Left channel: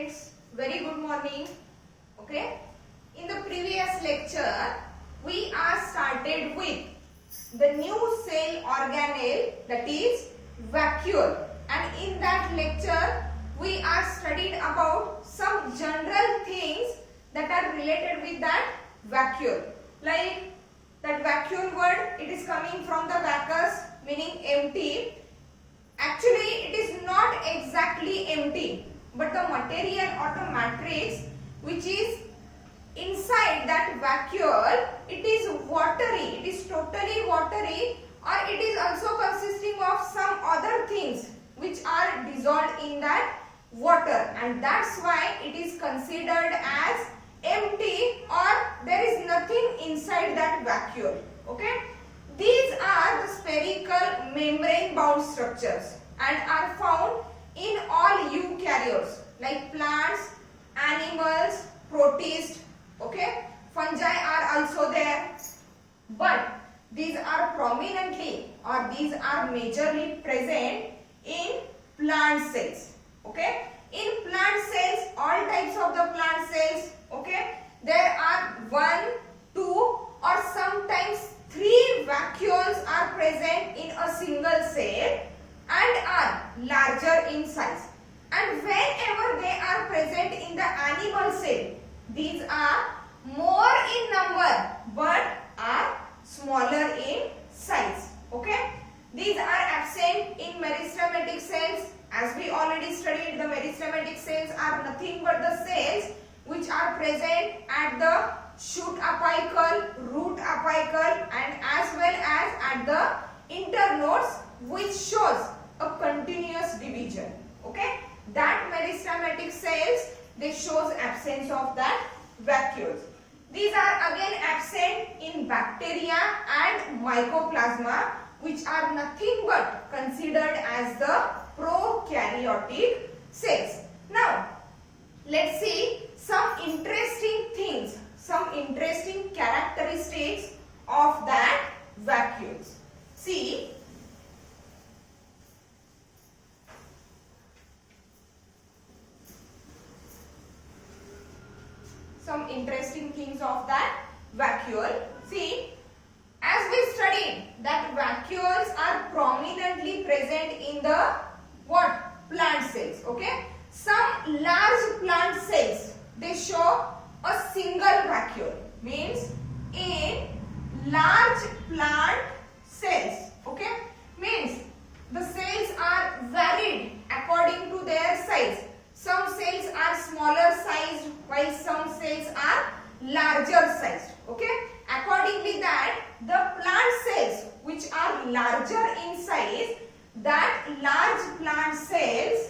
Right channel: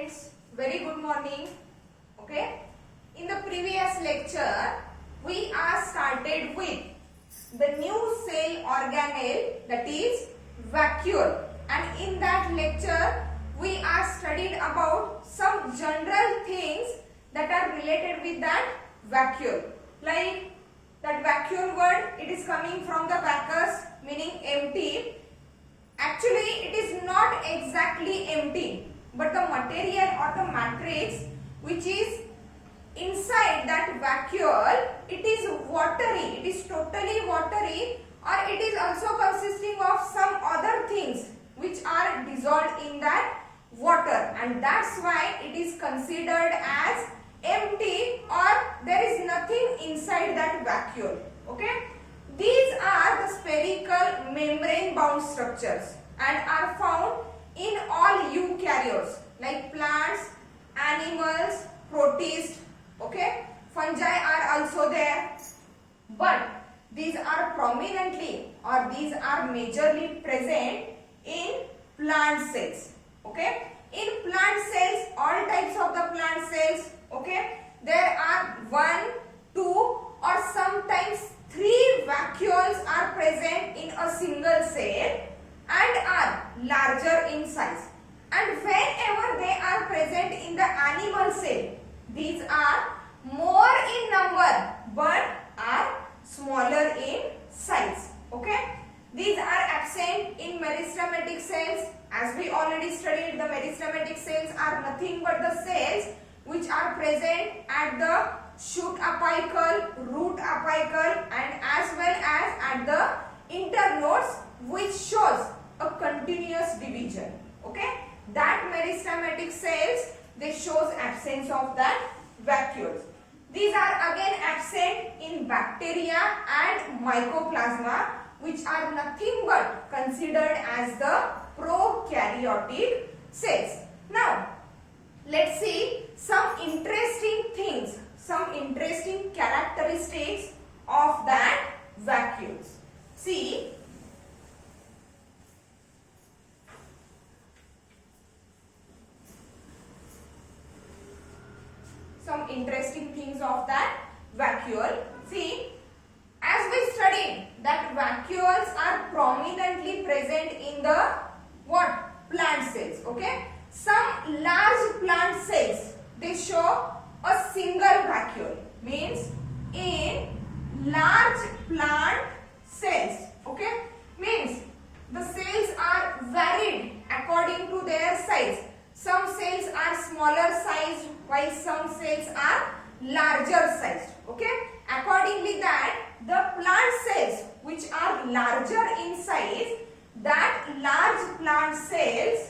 students, very good morning. Okay, in the previous lecture we are started with the new cell organelle, that is vacuole, and in that lecture we are studied about some general things that are related with that vacuole. Like that vacuole word, it is coming from the vacus, meaning empty. Actually it is not exactly empty, but the material or the matrix which is inside that vacuole, it is watery, it is totally watery, or it is also consisting of some other things which are dissolved in that water, and that's why it is considered as empty, or there is nothing inside that vacuole. Okay, these are the spherical membrane bound structures and are found in all eukaryotes like plants, animals, protists. Okay, fungi are also there, but these are prominently or these are majorly present in plant cells. Okay, in plant cells, all types of the plant cells, okay, there are 1, 2 or sometimes 3 vacuoles are present in a single cell and are larger in size. And whenever they are present in the animal cell, these are more in number but are smaller in size. Okay, these are absent in meristematic cells. As we already studied, the meristematic cells are nothing but the cells which are present at the shoot apical, root apical, and as well as at the internodes, which shows a continuous division. Okay, that meristematic cells, they shows absence of that vacuoles. These are again absent in bacteria and mycoplasma, which are nothing but considered as the prokaryotic cells. Now let's see some interesting things, some interesting characteristics of that vacuoles. See, some interesting things of that vacuole. See, as we studied that vacuoles are prominently present in the what? Plant cells. Okay, some large plant cells, they show a single vacuole, means in large plant cells, okay, means the cells are varied according to their size. Some cells are smaller sized while some cells are larger sized. Okay, accordingly that the plant cells which are larger in size, that large plant cells,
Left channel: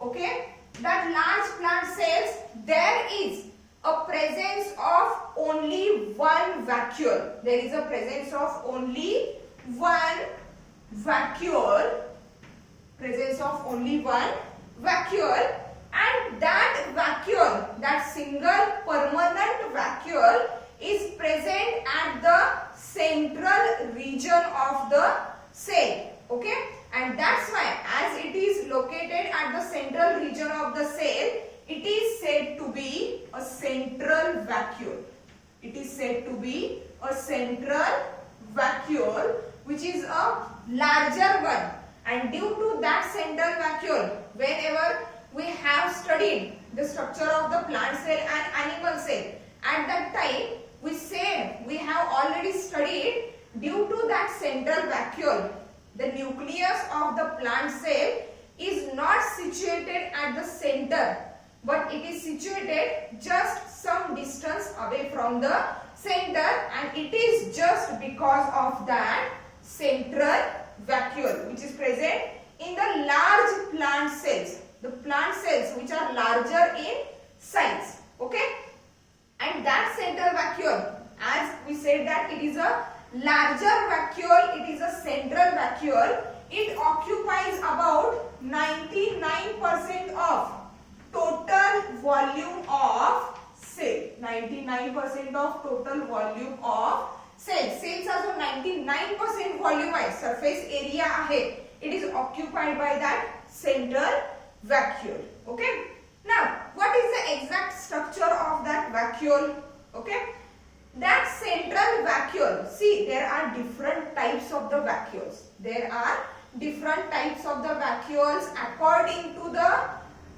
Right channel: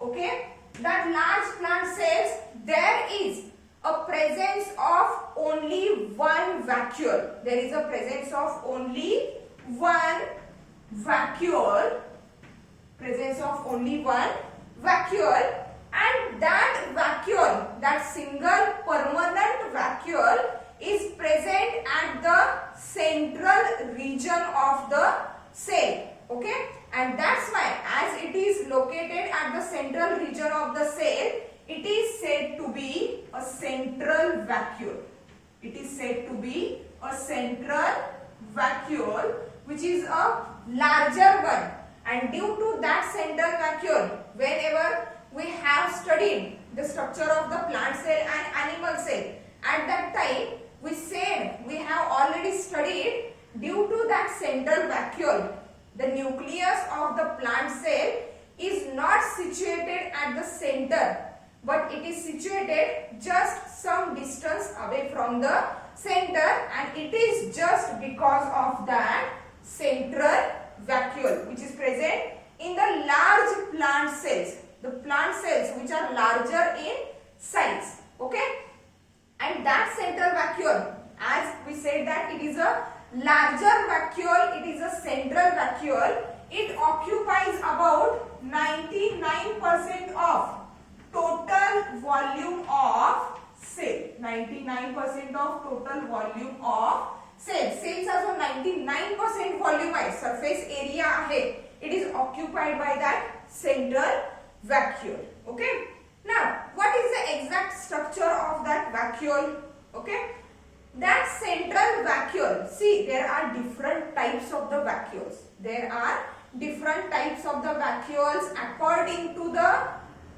okay, that large plant cells, there is a presence of only one vacuole. There is a presence of only one vacuole, presence of only one vacuole, and that vacuole, that single permanent vacuole, is present at the central region of the cell. Okay, and that's why as it is located at the central region of the cell, it is said to be a central vacuole. It is said to be a central vacuole, which is a larger one. And due to that central vacuole, whenever we have studied the structure of the plant cell and animal cell, at that time we said, we have already studied, due to that central vacuole, the nucleus of the plant cell is not situated at the center, but it is situated just some distance away from the center, and it is just because of that central vacuole which is present in the large plant cells, the plant cells which are larger in size. Okay, and that central vacuole, as we said that it is a larger vacuole, it is a central vacuole, it occupies about 99% of total volume of cell. 99% of total volume of cells. Cells are जो 99% volume आहे, surface area आहे, it is occupied by that central vacuole. Okay, now vacuole. Okay, that central vacuole, see, there are different types of the vacuoles. There are different types of the vacuoles according to the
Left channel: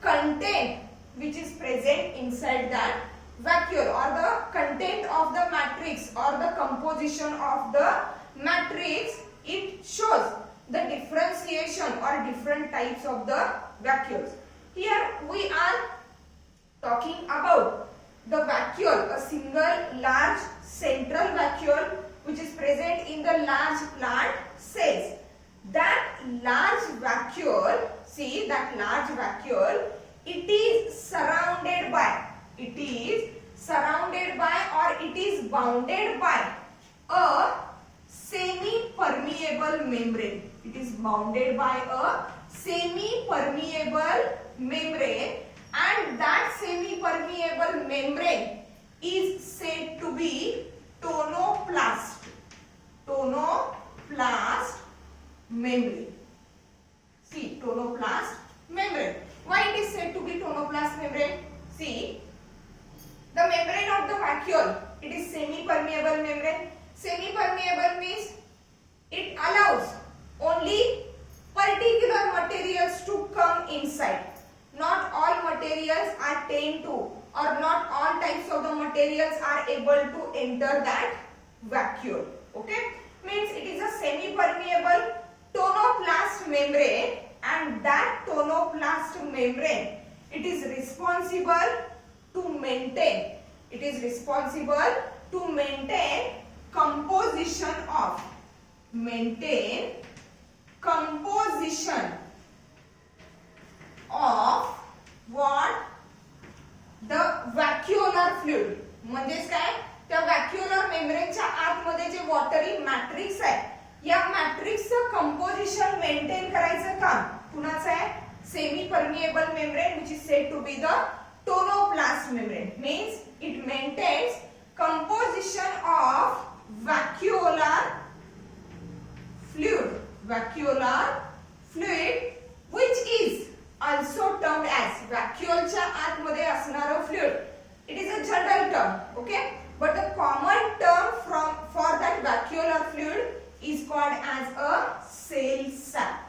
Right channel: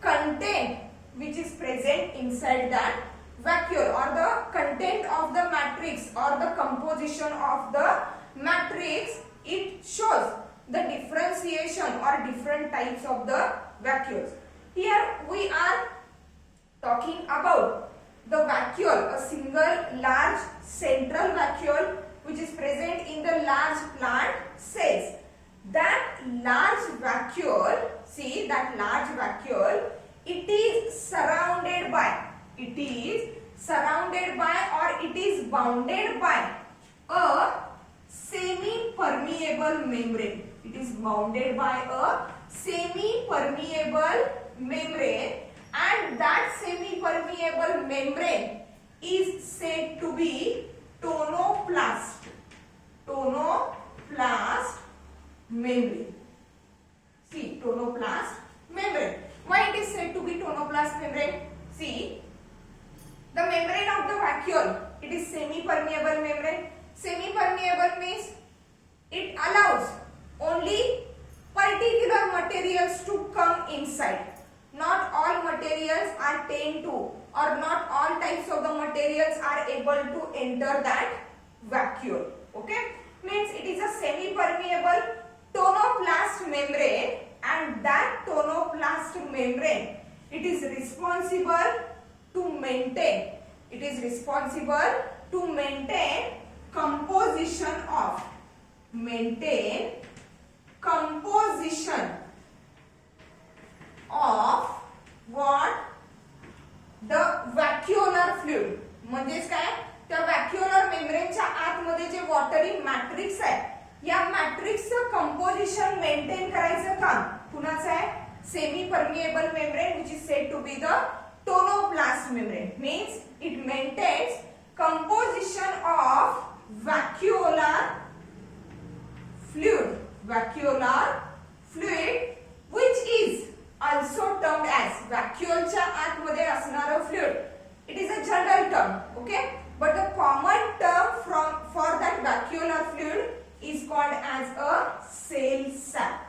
content which is present inside that vacuole, or the content of the matrix or the composition of the matrix. It shows the differentiation or different types of the vacuoles. Here we are talking about the vacuole, a single large central vacuole which is present in the large plant cells. That large vacuole, see, that large vacuole, it is surrounded by or it is bounded by a semi-permeable membrane. It is bounded by a semi-permeable membrane, and that semi-permeable membrane is said to be tonoplast. Tonoplast membrane. See, tonoplast membrane. Why it is said to be tonoplast membrane? See, the membrane of the vacuole, it is semi-permeable membrane. Semi-permeable means it allows only particular materials to come inside. Not all materials are tend to, or not all types of the materials are able to enter that vacuole. Okay, means it is a semi-permeable tonoplast membrane, and that tonoplast membrane, it is responsible to maintain. It is responsible to maintain composition of what? The vacuolar fluid. म्हणजेच काय, त्या व्हॅक्युलर मेम्ब्रेनच्या आतमध्ये जे वॉटरी matrix आहे, या मॅट्रिक्सचं composition maintain करायचं काम कुणाचं आहे? Semi permeable membrane, which is said to be the tonoplast membrane. Means it maintains composition of vacuolar fluid, which is also termed as vacuoleच्या आतमध्ये असणारं fluid. It is a general term, okay? But the common term for that vacuolar fluid is called as a cell sap.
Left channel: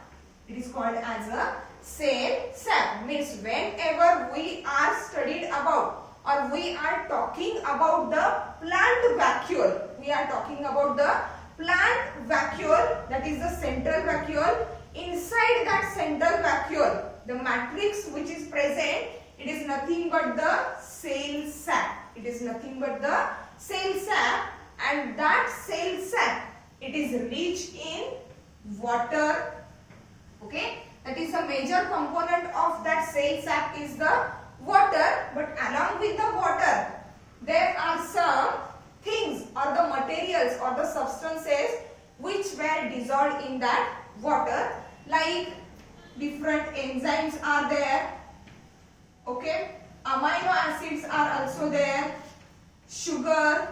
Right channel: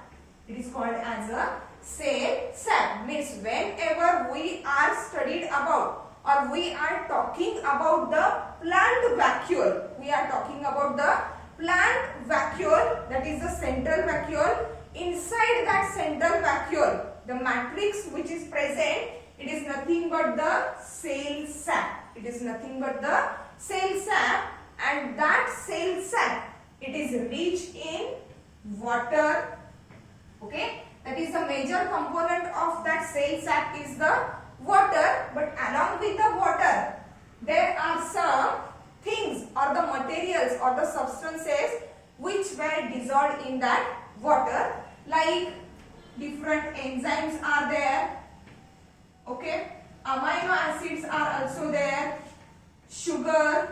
It is called as a cell sap. Means whenever we are studied about, or we are talking about the plant vacuole, we are talking about the plant vacuole, that is the central vacuole. Inside that central vacuole, the matrix which is present, it is nothing but the cell sap. It is nothing but the cell sap, and that cell sap, it is rich in water. Okay, that is a major component of that cell sap is the water. But along with the water, there are some things or the materials or the substances which were dissolved in that water, like different enzymes are there. Okay, amino acids are also there, sugar.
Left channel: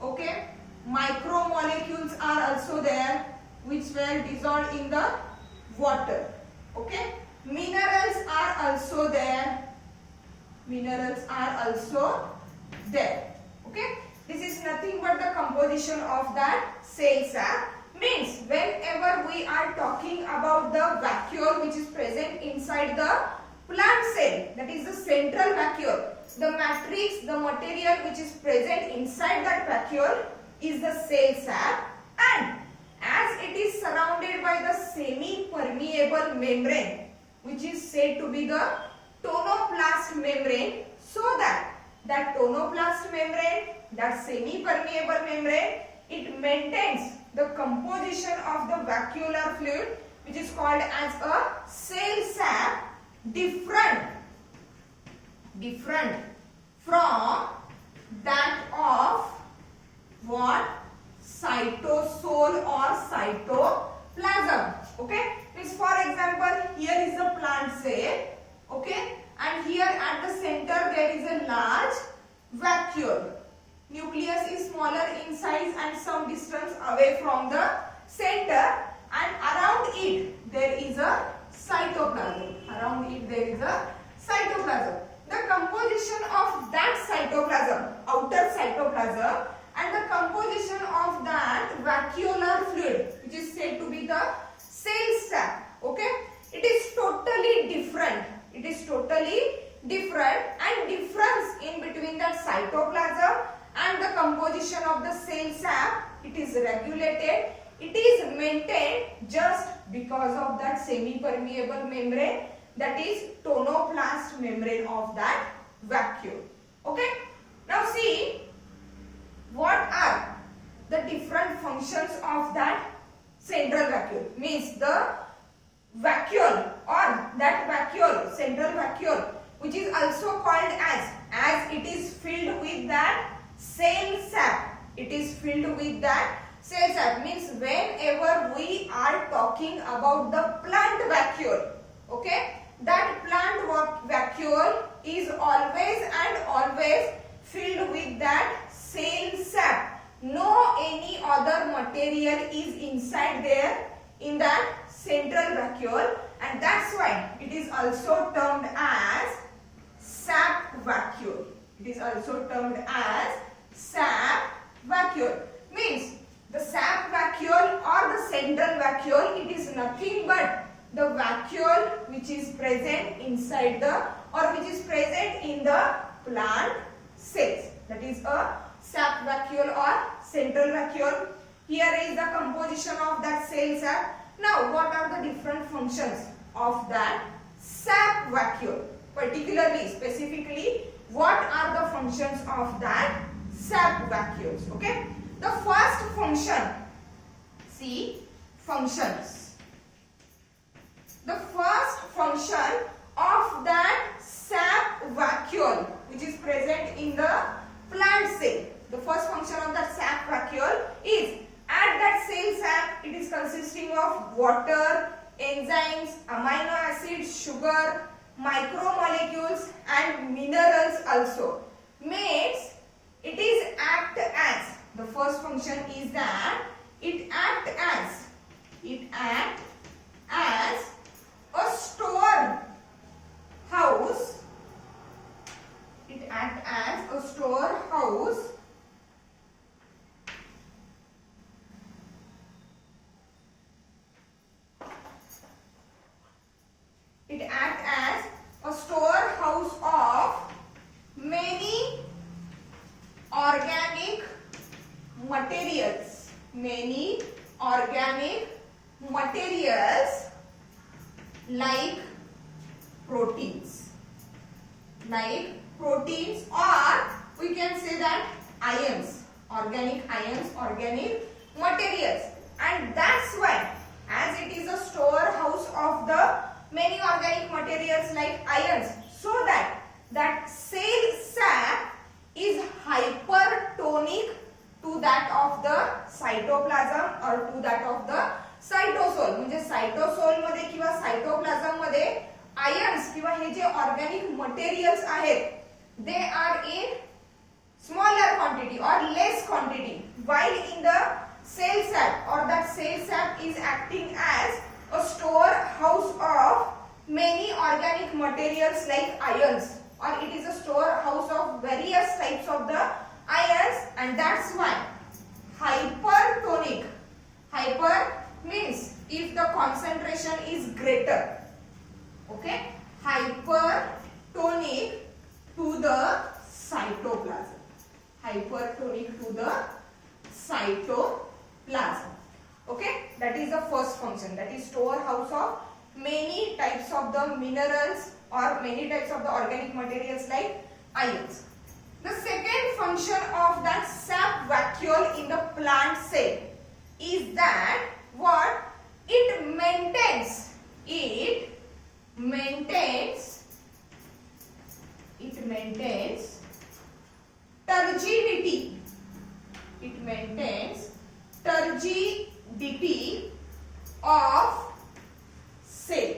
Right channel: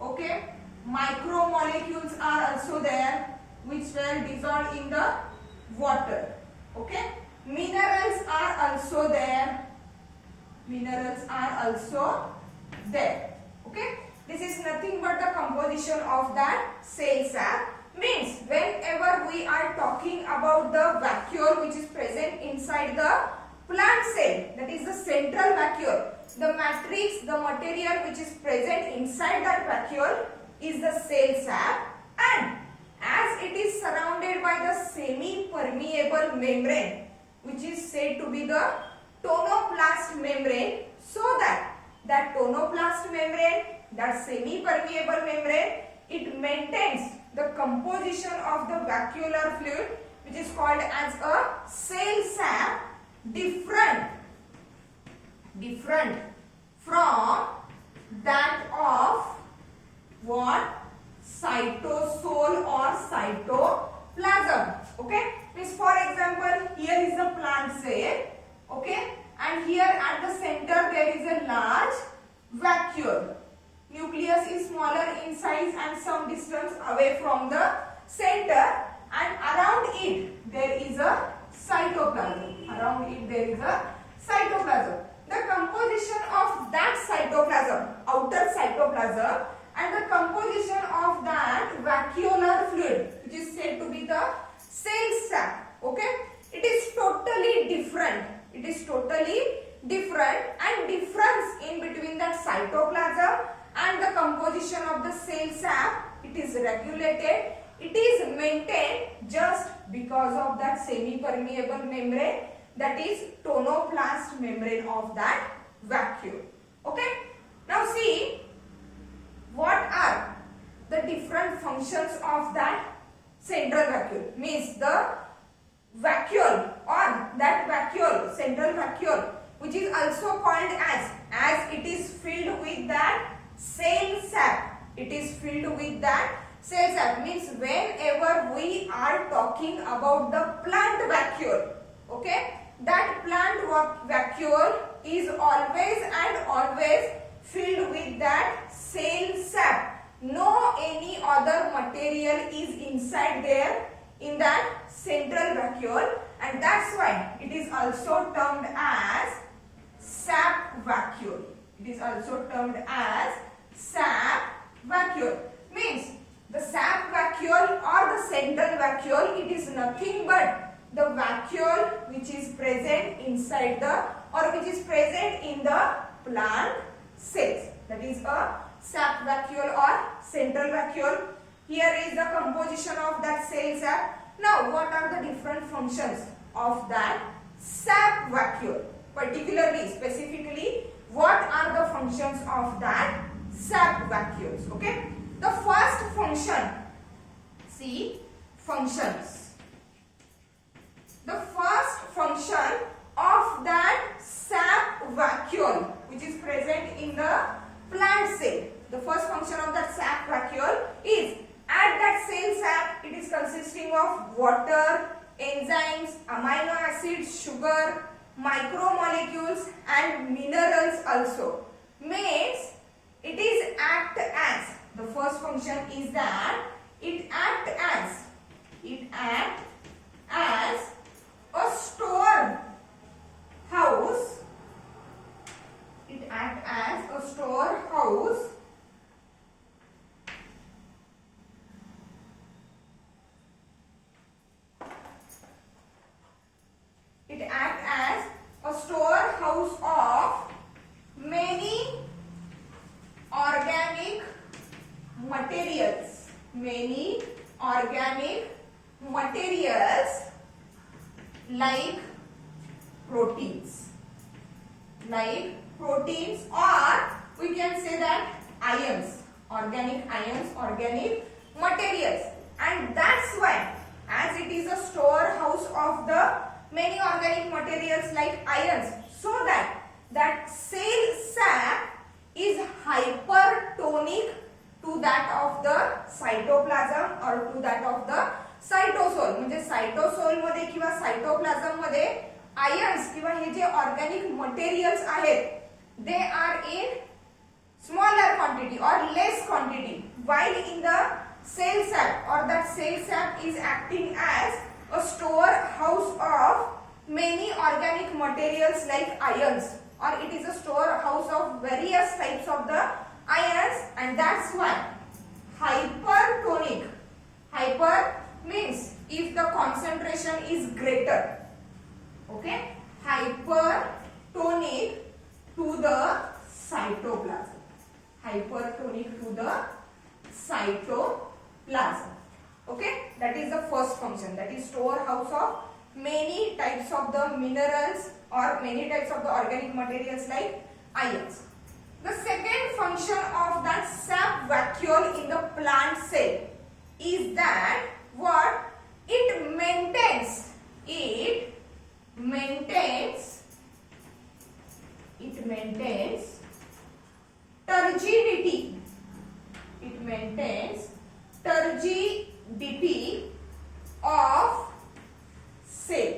Okay, micromolecules are also there which were dissolved in the water. Okay, minerals are also there. Okay, this is nothing but the composition of that cell sap. Means whenever we are talking about the vacuole which is present inside the plant cell, that is the central vacuole, the matrix, the material which is present inside that vacuole is the cell sap, and as it is surrounded by the semi-permeable membrane which is said to be the tonoplast membrane, so that tonoplast membrane, that semi-permeable membrane, it maintains the composition of the vacuolar fluid which is called as a cell sap, different from that of what? Cytosol or cytoplasm. Okay, means for example, here is a plant cell. Okay, and here at the center there is a large vacuole. Nucleus is smaller in size and some distance away from the center, and around it there is a cytoplasm. The the composition of that cytoplasm, outer cytoplasm, and the composition of that vacuolar fluid, which is said to be the cell sac. Okay, it is totally different. It is totally different, and difference in between that cytoplasm and the composition of the cell sac, it is regulated. It is maintained just because of that semi-permeable membrane, that is tonoplast membrane of that vacuole. Okay. Now see, what are the different functions of that central vacuole? Means the vacuole or that vacuole, central vacuole, which is also called as it is filled with that cell sac. It is filled with that cell sac, means whenever we are talking about the plant vacuole, okay, that plant vacuole is always and always filled with that cell sac. No any other material is inside there in that central vacuole, and that's why it is also termed as sap vacuole. It is also termed as sap vacuole. Means the sap vacuole or the central vacuole, it is nothing but the vacuole which is present inside the, or which is present in the plant cells. That is a sap vacuole or central vacuole. Here is the composition of that cell sac. Now what are the different functions of that sap vacuole? Particularly, specifically, what are the functions of that sap vacuoles? Okay. The first function, see, functions. The first function of that sap vacuole which is present in the plant cell. The first function of that sap vacuole is, at that cell sac, it is consisting of water, enzymes, amino acids, sugar, micromolecules and minerals also. Means it is act as, the first function is that it act as a store house. It act as a storehouse of many organic materials. Many organic materials like proteins. Or we can say that ions, organic ions, organic materials. And that's why, as it is a storehouse of the many organic materials like ions, so that cell sac is hypertonic to that of the cytoplasm or to that of the cytosol. म्हणजे cytosol मध्ये किंवा cytoplasm मध्ये ions किंवा हे जे organic materials आहेत, they are in smaller quantity or less quantity, while in the cell sac, or that cell sac is acting as a storehouse of many organic materials like ions, or it is a storehouse of various types of the ions, and that's why hypertonic. Hyper means if the concentration is greater. Okay, hypertonic to the cytoplasm. Hypertonic to the cytoplasm. Okay, that is the first function, that is storehouse of many types of the minerals or many types of the organic materials like ions. The second function of that sap vacuole in the plant cell is that what? It maintains turgidity. It maintains turgidity of cell.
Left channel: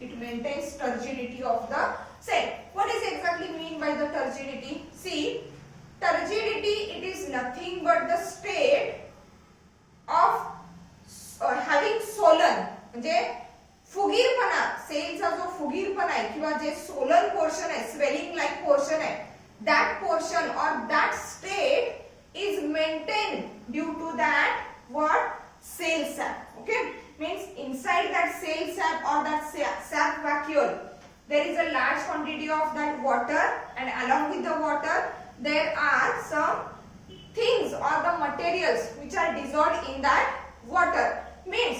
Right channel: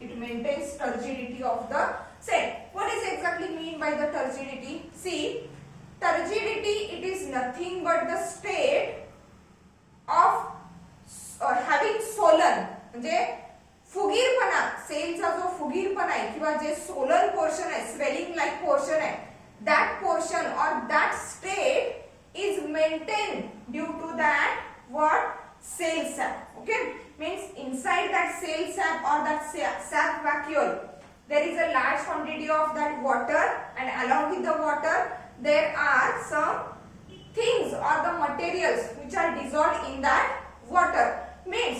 It maintains turgidity of the cell. What is exactly mean by the turgidity? See, turgidity, it is nothing but the state of having Solan, म्हणजे फुगीरपणा, सेलचा जो फुगीरपणा आहे किंवा जे Solan portion आहे, swelling like that portion or that state is maintained due to that what? Cell sap. Okay, means inside that cell sap or that sap vacuole there is a large quantity of that water, and along with the water there are some things or the materials which are dissolved in that water. Means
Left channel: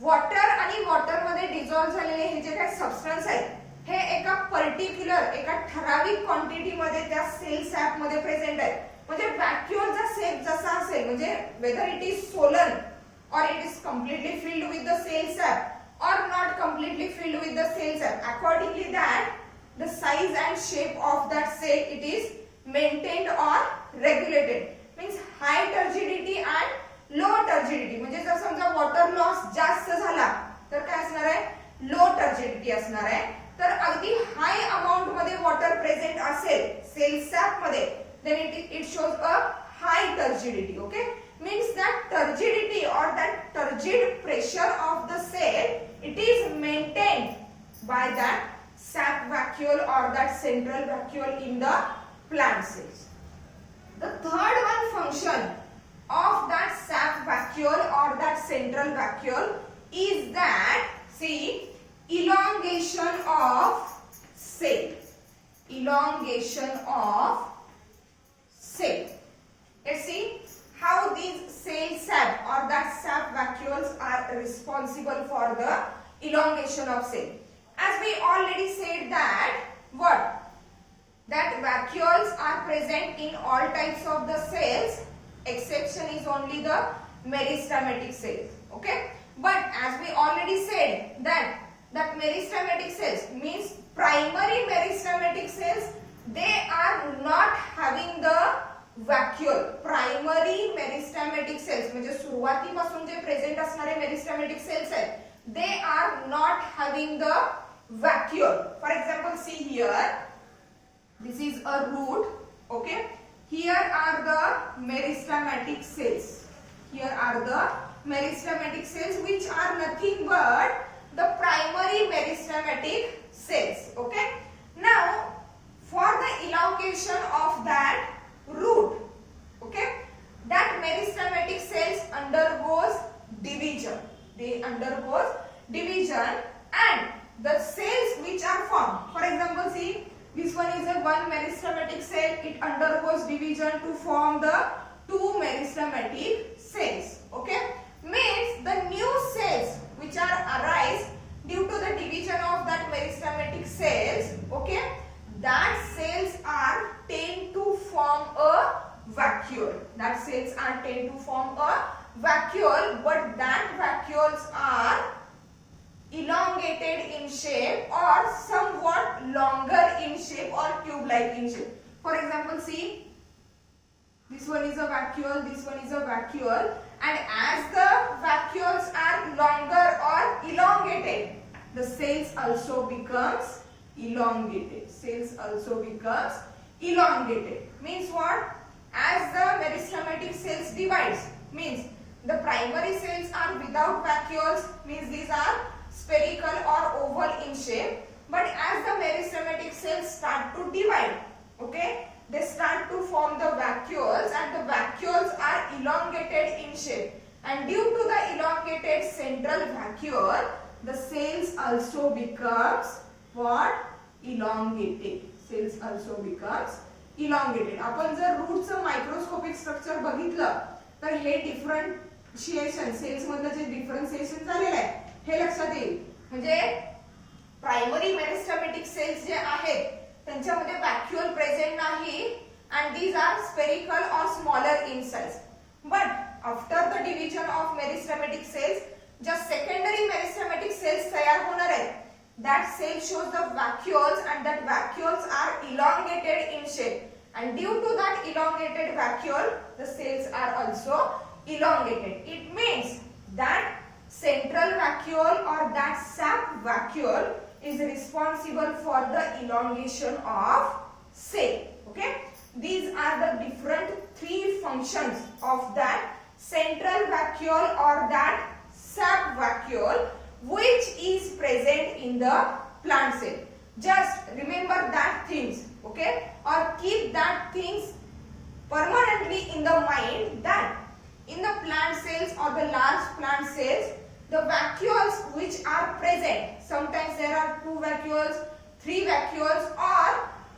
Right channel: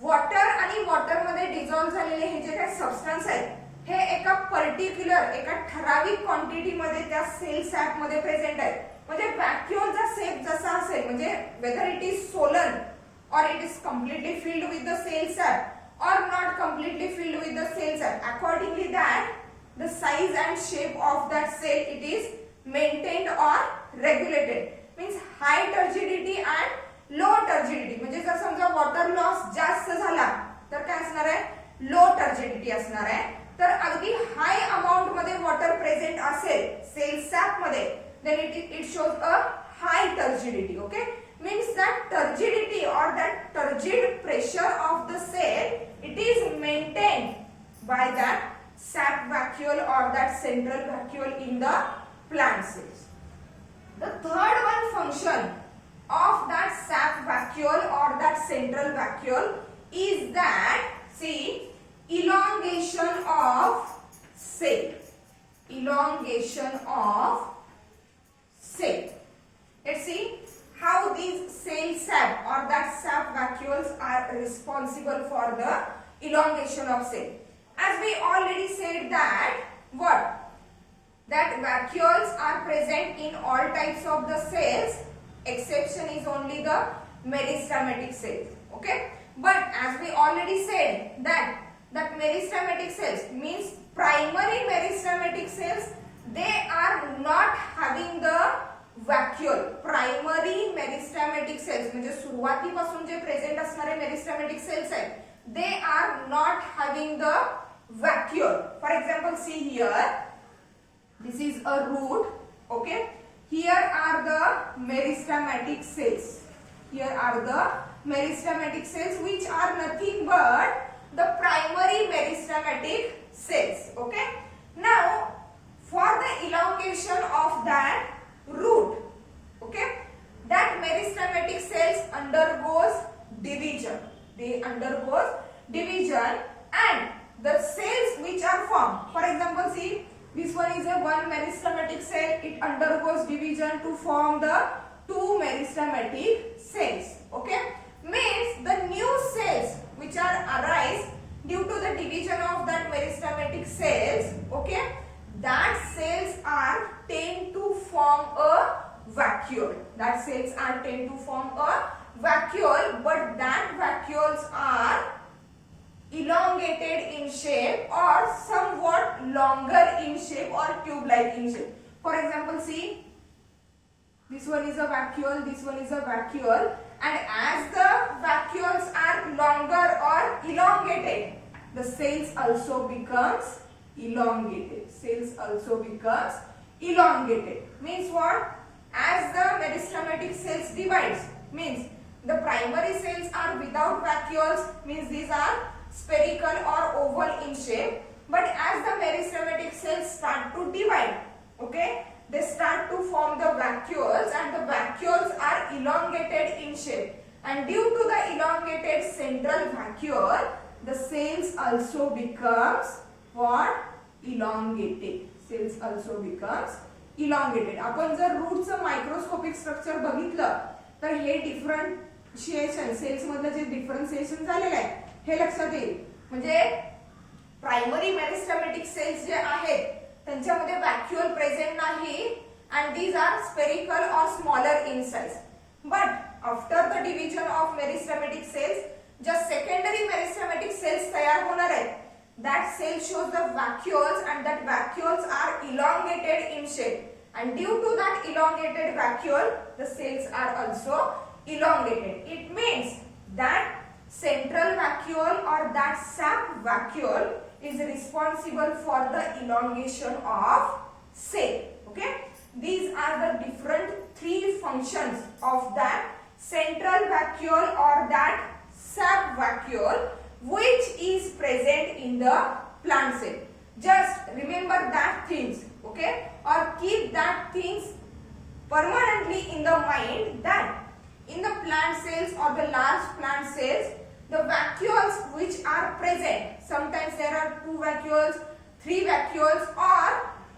water आणि water मध्ये dissolve झालेले हे जे काही substance आहेत हे एका particular एका ठराविक quantity मध्ये त्या सेल सॅप मध्ये प्रेझेंट आहे. म्हणजे व्हॅक्युअलचा शेप जसा असेल, म्हणजे whether it is Solan or it is completely filled with the cell sap or not completely filled with the cell sap, accordingly that the size and shape of that cell it is maintained or regulated. Means high turgidity and low turgidity. म्हणजे जर समजा water loss जास्त झाला तर काय असणार आहे? लो turgidity असणार आहे. तर अगदी हाय अमाउंट मध्ये वॉटर प्रेझेंट असेल सेल सॅप मध्ये then it shows a high turgidity. Okay, means that turgidity or that turgid pressure of the cell it is maintained by that sap vacuole or that central vacuole in the plant cells. The third one function of that sap vacuole or that central vacuole is that, see, elongation of cell. Elongation of cell. Let's see how these cell sap or that sap vacuoles are responsible for the elongation of cell. As we already said that what? That vacuoles are present in all types of the cells. Exception is only the meristematic cells. Okay, but as we already said that meristematic cells means primary meristematic cells, they are not having the vacuole. Primary meristematic cells म्हणजे सुरुवातीपासून जे present असणारे मेरिस्टेमॅटिक sales आहेत they are not having the vacuole. For example, see here, this is a root. Okay, here are the meristematic cells. Here are the meristematic cells which are nothing but the primary meristematic cells. Okay, now for the elongation of that root, okay, that meristematic cells undergoes division. They undergoes division, and the cells which are formed, for example, see, this one is a one meristematic cell, it undergoes division to form the two meristematic cells. Okay, means the new cells which are arise due to the division of that meristematic cells, okay, that cells are tend to form a vacuole. That cells are tend to form a vacuole, but that vacuoles are elongated in shape or somewhat longer in shape or tube-like in shape. For example, see, this one is a vacuole, this one is a vacuole, and as the vacuoles are longer or elongated, the cells also becomes elongated. Cells also becomes elongated. Means what? As the meristematic cells divides, means the primary cells are without vacuoles, means these are spherical or oval in shape. But as the meristematic cells start to divide, okay, they start to form the vacuoles, and the vacuoles are elongated in shape. And due to the elongated central vacuole, the cells also becomes what? Elongated. Cells also becomes elongated. आपण जर रूटचं microscopic structure बघितलं तर हे differentiation sales मधलं जे differentiation झालेलं आहे हे लक्षात येईल. म्हणजे प्रायमरी मेरिस्टेमॅटिक सेल्स जे आहेत त्यांच्यामध्ये व्हॅक्युअल प्रेझेंट नाही, and these are spherical or smaller in size. But after the division of meristematic cells, just secondary meristematic cells तयार होणार आहेत. That cell shows the vacuoles, and that vacuoles are elongated in shape. And due to that elongated vacuole, the cells are also elongated. It means that central vacuole or that sap vacuole is responsible for the elongation of cell. Okay, these are the different three functions of that central vacuole or that sap vacuole which is present in the plant cell. Just remember that things, okay, or keep that things permanently in the mind that in the plant cells or the large plant cells, the vacuoles which are present, sometimes there are 2 vacuoles, 3 vacuoles, or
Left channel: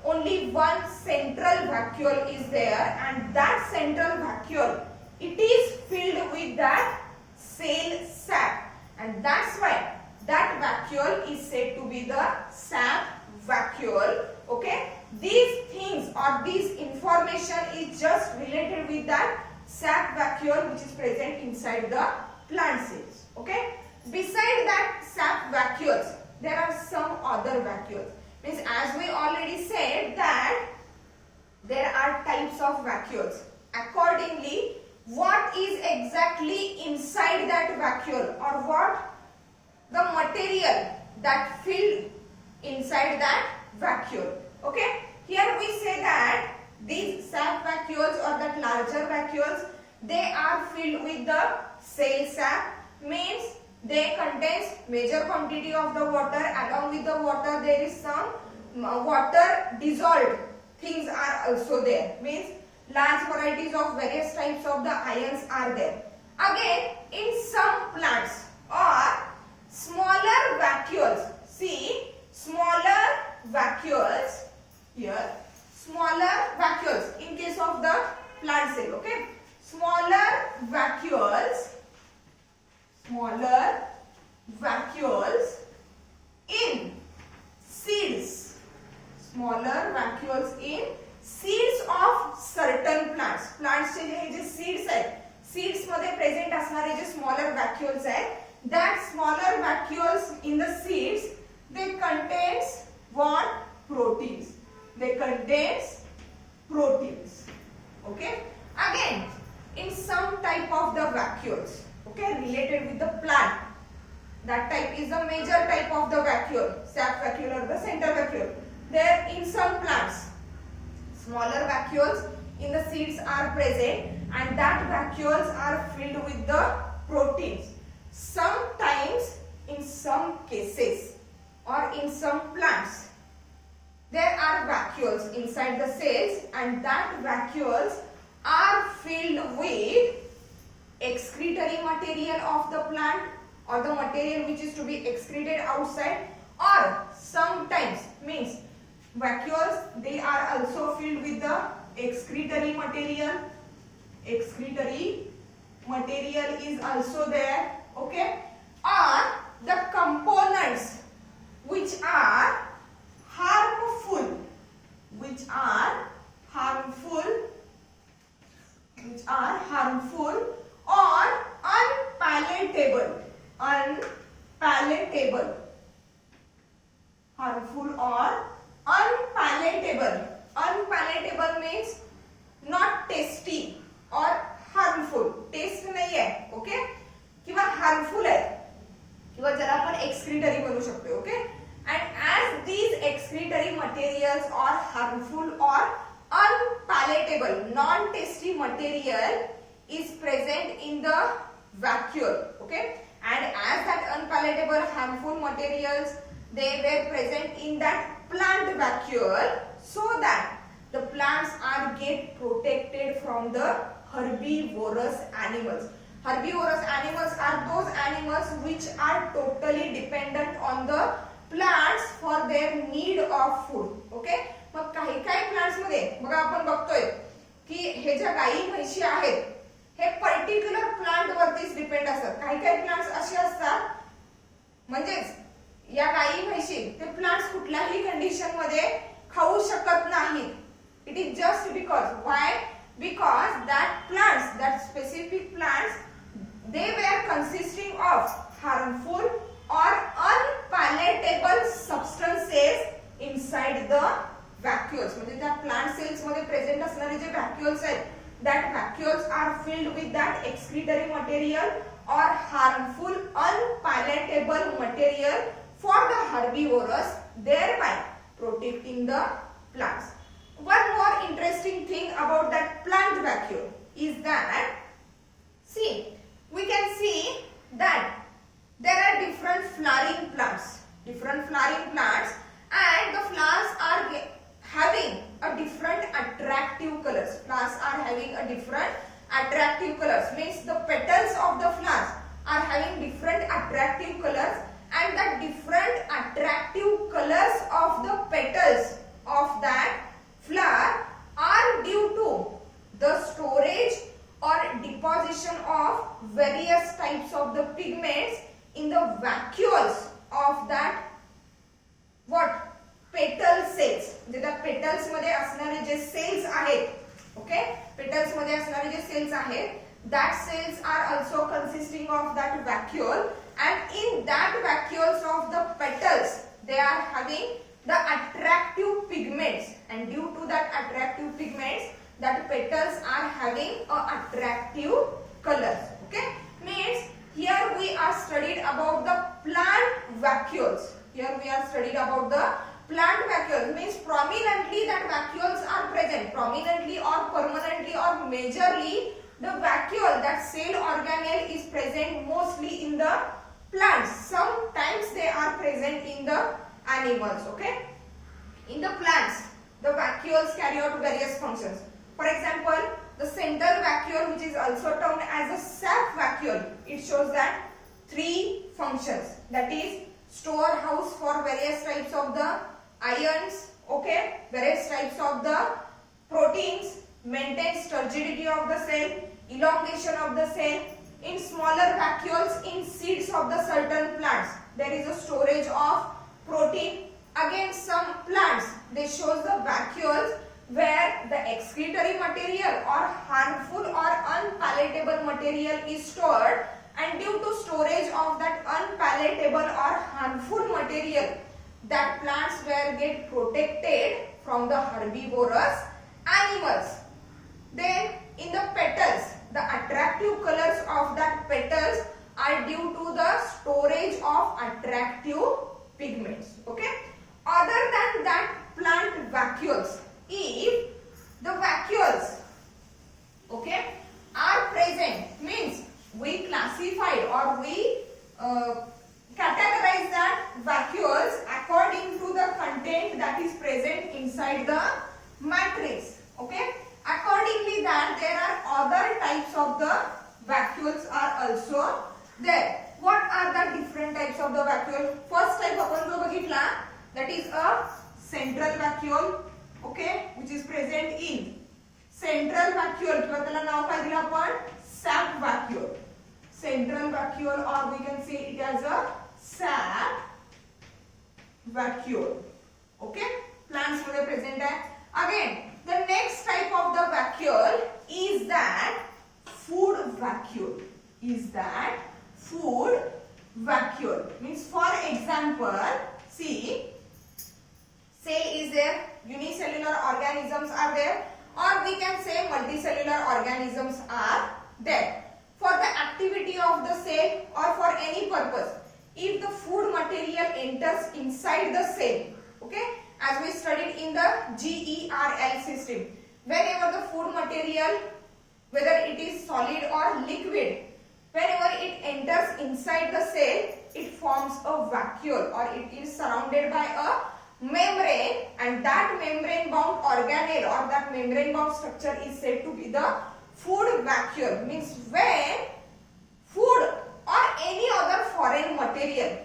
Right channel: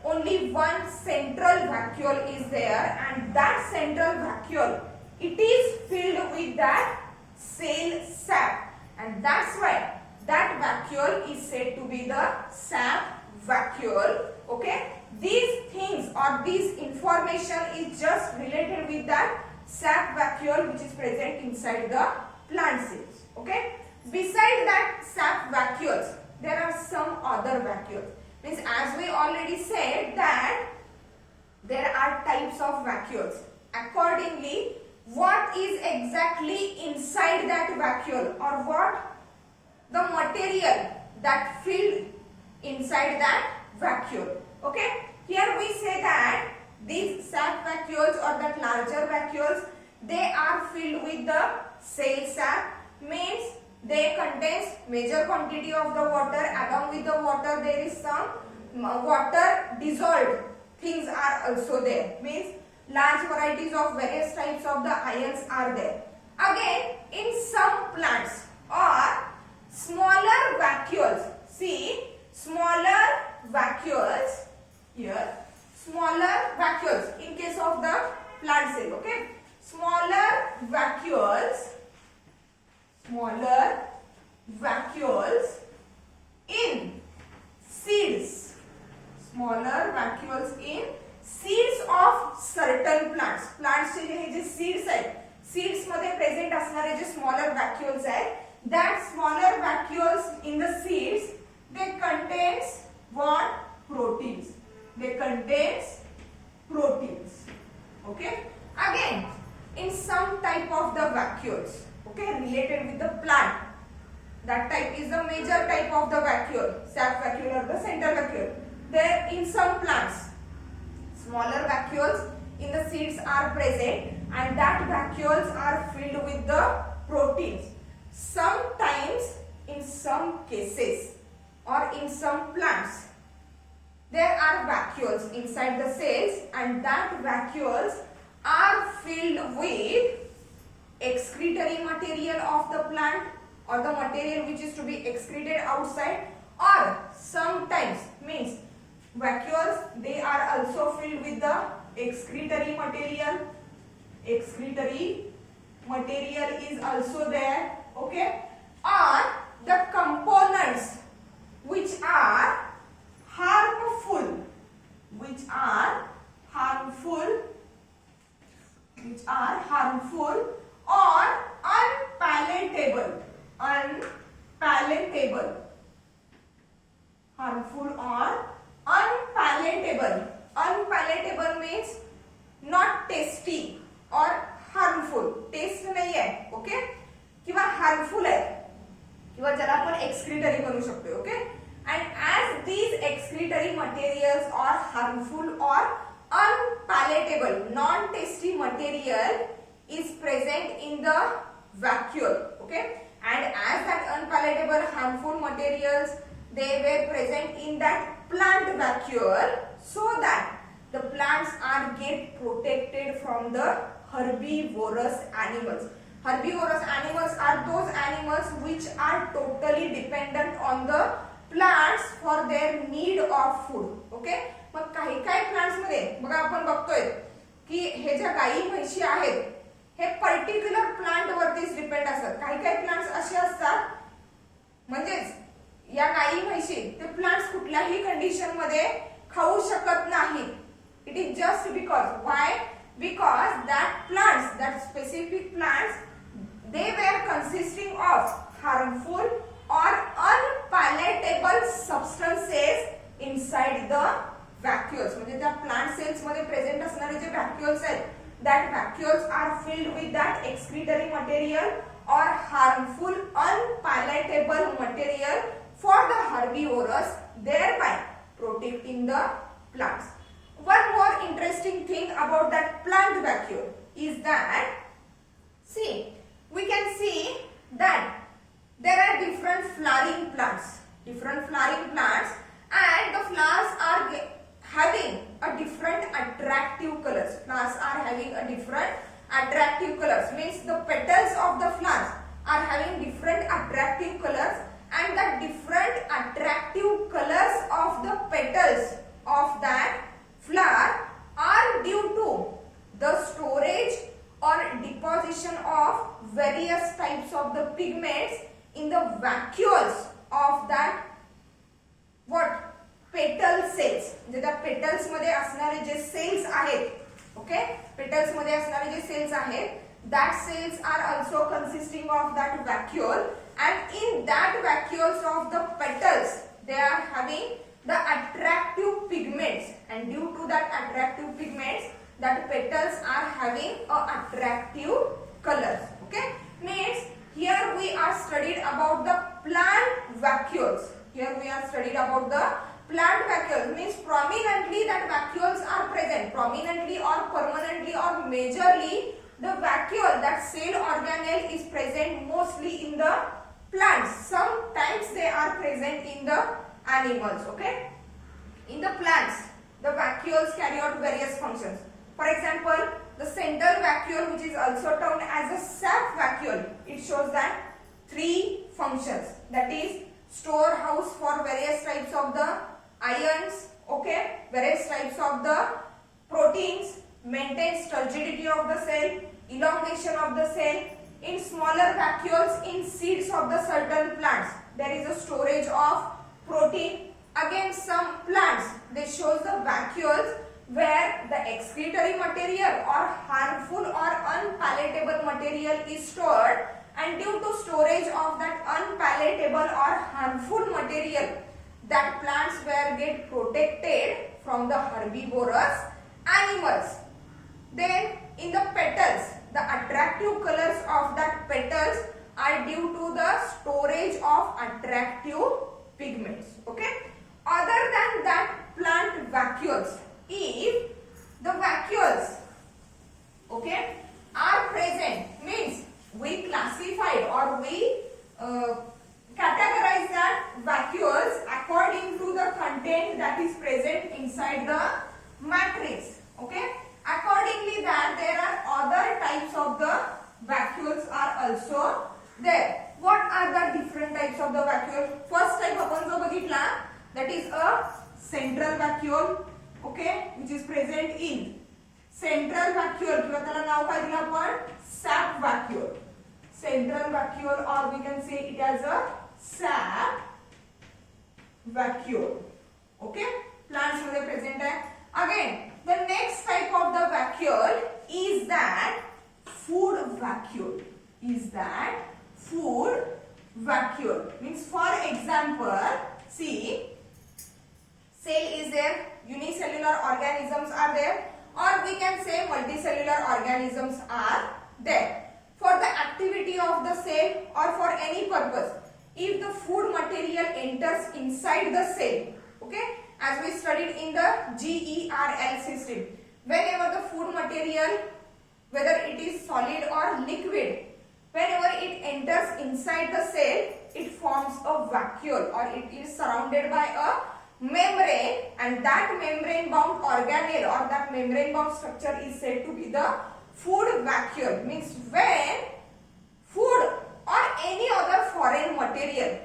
only one central vacuole is there, and that central vacuole, it is filled with that cell sap, and that's why that vacuole is said to be the sap vacuole. Okay, these things or this information is just related with that sap vacuole which is present inside the plant cells. Okay, beside that sap vacuoles, there are some other vacuoles. Means, as we already said that there are types of vacuoles. Accordingly, what is exactly inside that vacuole, or what the material that filled inside that vacuole. Okay, here we say that these sap vacuoles or that larger vacuoles, they are filled with the cell sap, means they contains major quantity of the water. Along with the water, there is some water dissolved things are also there, means large varieties of various types of the ions are there. Again, in some plants or smaller vacuoles, see smaller vacuoles here, smaller vacuoles in case of the plant cell. Okay, smaller vacuoles in seeds, smaller vacuoles in seeds of certain plants. Plants चे जे seeds आहेत, seeds मध्ये present असणारे जे smaller vacuoles आहेत, that smaller vacuoles in the seeds, they contains what? Proteins. They contains proteins. Okay. Again, in some type of the vacuoles, okay, related with the plant, that type is the major type of the vacuole, sap vacuole or the central vacuole. There in some plants, smaller vacuoles in the seeds are present, and that vacuoles are filled with the proteins. Sometimes, in some cases or in some plants, there are vacuoles inside the cells, and that vacuoles are filled with excretory material of the plant or the material which is to be excreted outside, or sometimes, means vacuoles, they are also filled with the excretory material. Excretory material is also there. Okay, or the components which are harmful, or unpalatable, harmful or unpalatable. Unpalatable means not tasty or harmful. Taste नाही आहे, okay, किंवा harmful आहे, किंवा ज्याला आपण excretory म्हणू शकतो. Okay, and as these excretory materials are harmful or unpalatable, non-tasty material is present in the vacuole. Okay, and as that unpalatable, harmful materials, they were present in that plant vacuole, so that the plants are get protected from the herbivorous animals. Herbivorous animals are those animals which are totally dependent on the plants for their need of food. Okay, मग काही काही plants मध्ये बघा आपण बघतोय की हे ज्या गायी म्हशी आहेत, हे पर्टिक्युलर प्लांट वरतीच डिपेंड असतात. काही काही प्लांट्स असे असतात, म्हणजेच या गायी म्हशी ते प्लांट्स कुठल्याही कंडिशन मध्ये खाऊ शकत नाहीत. It is just because, why? Because that plants, that specific plants, they were consisting of harmful or unpalatable substances inside the vacuoles. म्हणजे त्या plant cells मध्ये present असणारे जे vacuoles आहेत, that vacuoles are filled with that excretory material or harmful unpalatable material for the herbivorous, thereby protecting the plants. One more interesting thing about that plant vacuole is that, see, we can see that there are different flowering plants, and the flowers are having a different attraction having a different attractive colors. Means the petals of the flowers are having different attractive colors, and the different attractive colors of the petals of that flower are due to the storage or deposition of various types of the pigments in the vacuoles of that what petal cells. म्हणजे त्या petals मध्ये असणारे जे sales आहेत, okay, petals मध्ये असणारे जे sales आहेत, that cells are also consisting of that vacuole, and in that vacuoles of the petals they are having the attractive pigments, and due to that attractive pigments that petals are having a attractive colors. Okay, means here we are studied about the plant vacuoles. Here we are studied about the plant vacuoles, means prominently that vacuoles are present, prominently or permanently or majorly the vacuole, that cell organelle is present mostly in the plants. Sometimes they are present in the animals. Okay, in the plants the vacuoles carry out various functions. For example, the central vacuole, which is also termed as a sap vacuole, it shows that 3 functions, that is storehouse for various types of the ions, okay, various types of the proteins, maintains turgidity of the cell, elongation of the cell. In smaller vacuoles in seeds of the certain plants there is a storage of protein. Again, some plants they shows the vacuoles where the excretory material or harmful or unpalatable material is stored, and due to storage of that unpalatable or harmful material, that plants were get protected from the herbivorous animals. Then in the petals, the attractive colors of that petals are due to the storage of attractive pigments. Okay, other than that plant vacuoles, if the vacuoles, okay, are present, means we classified or we categorize that vacuoles according to the content that is present inside the matrix. Okay, accordingly that there are other types of the vacuoles are also there. What are the different types of the vacuole? First type आपण जो बघितला, that is a central vacuole, okay, which is present in central vacuole, किंवा त्याला नाव काय दिलं आपण, sap vacuole. Central vacuole, or we can say it as a sap vacuole. Okay, plants मध्ये present आहे. Again, the next type of the vacuole is that food vacuole. Is that food vacuole? Means, for example, see, cell is there, unicellular organisms are there, or we can say multicellular organisms are there. For the activity of the cell or for any purpose, if the food material enters inside the cell, okay, as we studied in the GERL system, whenever the food material, whether it is solid or liquid, whenever it enters inside the cell, it forms a vacuole, or it is surrounded by a membrane, and that membrane bound organelle or that membrane bound structure is said to be the food vacuole. Means when food or any other foreign material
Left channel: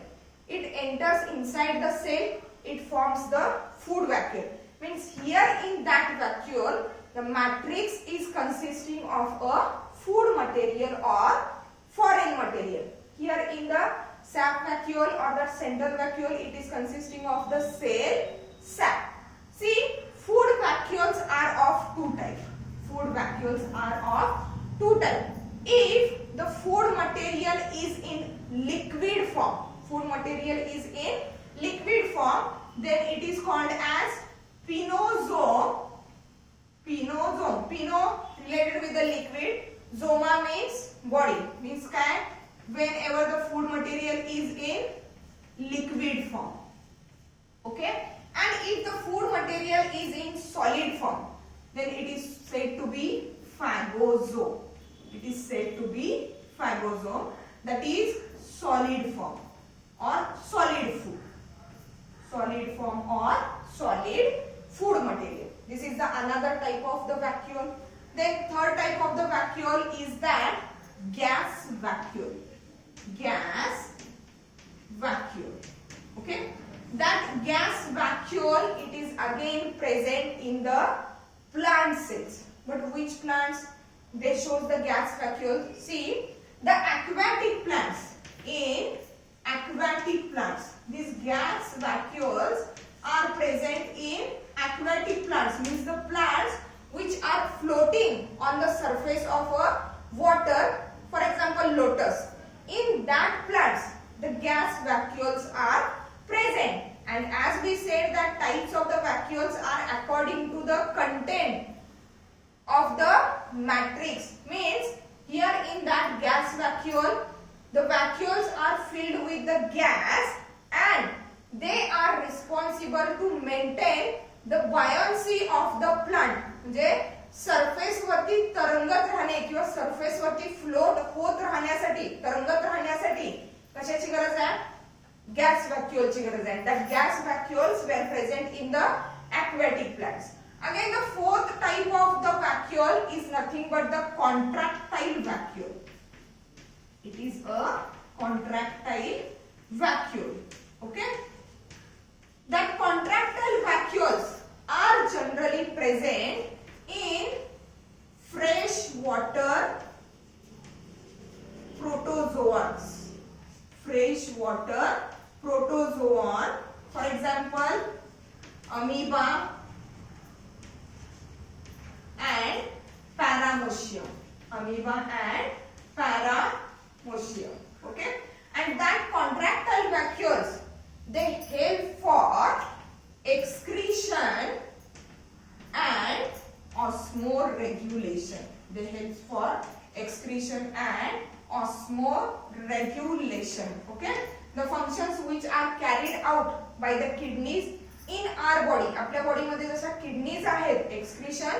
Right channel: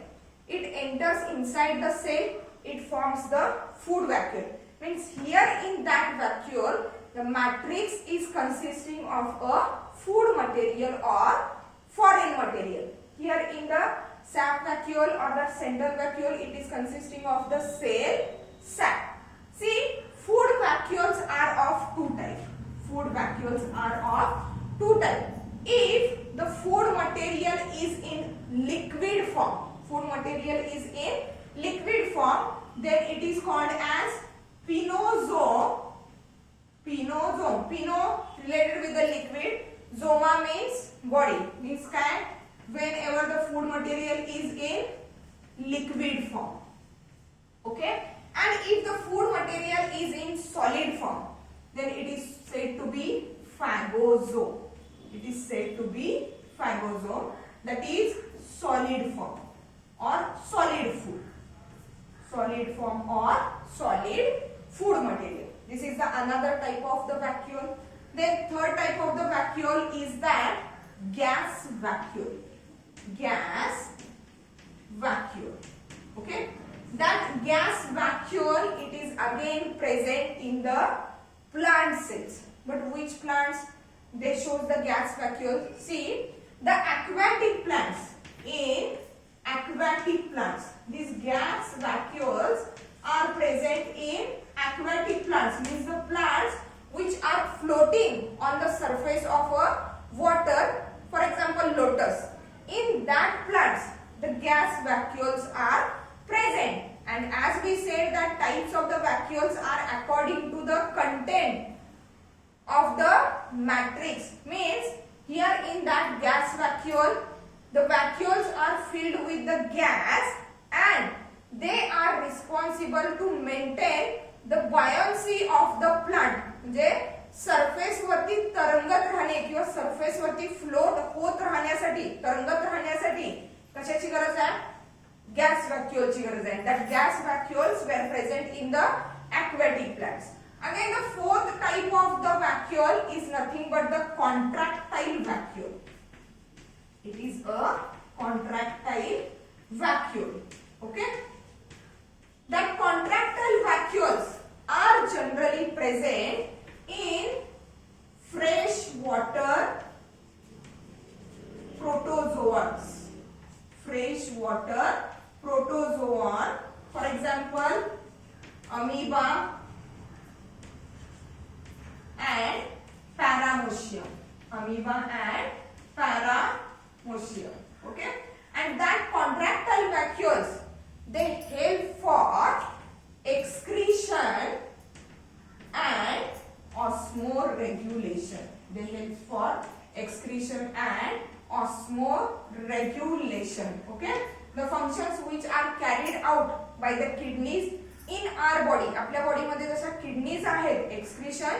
it enters inside the cell, it forms the food vacuole. Means here in that vacuole the matrix is consisting of a food material or foreign material. Here in the sap vacuole or the central vacuole, it is consisting of the cell sap. See, food vacuoles are of 2 types. Food vacuoles are of 2 types. If the food material is in liquid form, food material is in liquid form, then it is called as pinosome. Pinosome. Pino related with the liquid. Zoma means body. Means काय? Whenever the food material is in liquid form. Okay? And if the food material is in solid form, then it is said to be phagosome. It is said to be phagosome, that is solid form or solid food. Solid form or solid food material. This is the another type of the vacuole. Then third type of the vacuole is that gas vacuole. Gas vacuole. Okay. That gas vacuole, it is again present in the plant cells. But which plants? They shows the gas vacuole. See, the aquatic plants. In aquatic plants, these gas vacuoles are present in aquatic plants. Means the plants which are floating on the surface of a water. For example, lotus. In that plants, the gas vacuoles are present. And as we said that types of the vacuoles are according to the content of the matrix. Means here in that gas vacuole, the vacuoles are filled with the gas and they are responsible to maintain the buoyancy of the plant. म्हणजे surface वरती तरंगत राहणे किंवा surface वरती float होत राहण्यासाठी, तरंगत राहण्यासाठी कशाची गरज आहे? गॅस व्हॅक्युअलची गरज आहे. That gas vacuoles were present in the aquatic plants. Again, the fourth type of the vacuole is nothing but the contractile vacuole. It is a contractile vacuole. Okay. That contractile vacuoles are generally present in fresh water protozoans. Fresh water protozoan, for example, amoeba and paramecium. Amoeba and paramecium. Okay, and that contractile vacuoles, they help for excretion and osmoregulation. They help for excretion and osmoregulation. Okay, the functions which are carried out by the kidneys in our body. आपल्या body मध्ये जसा kidneys आहेत, excretion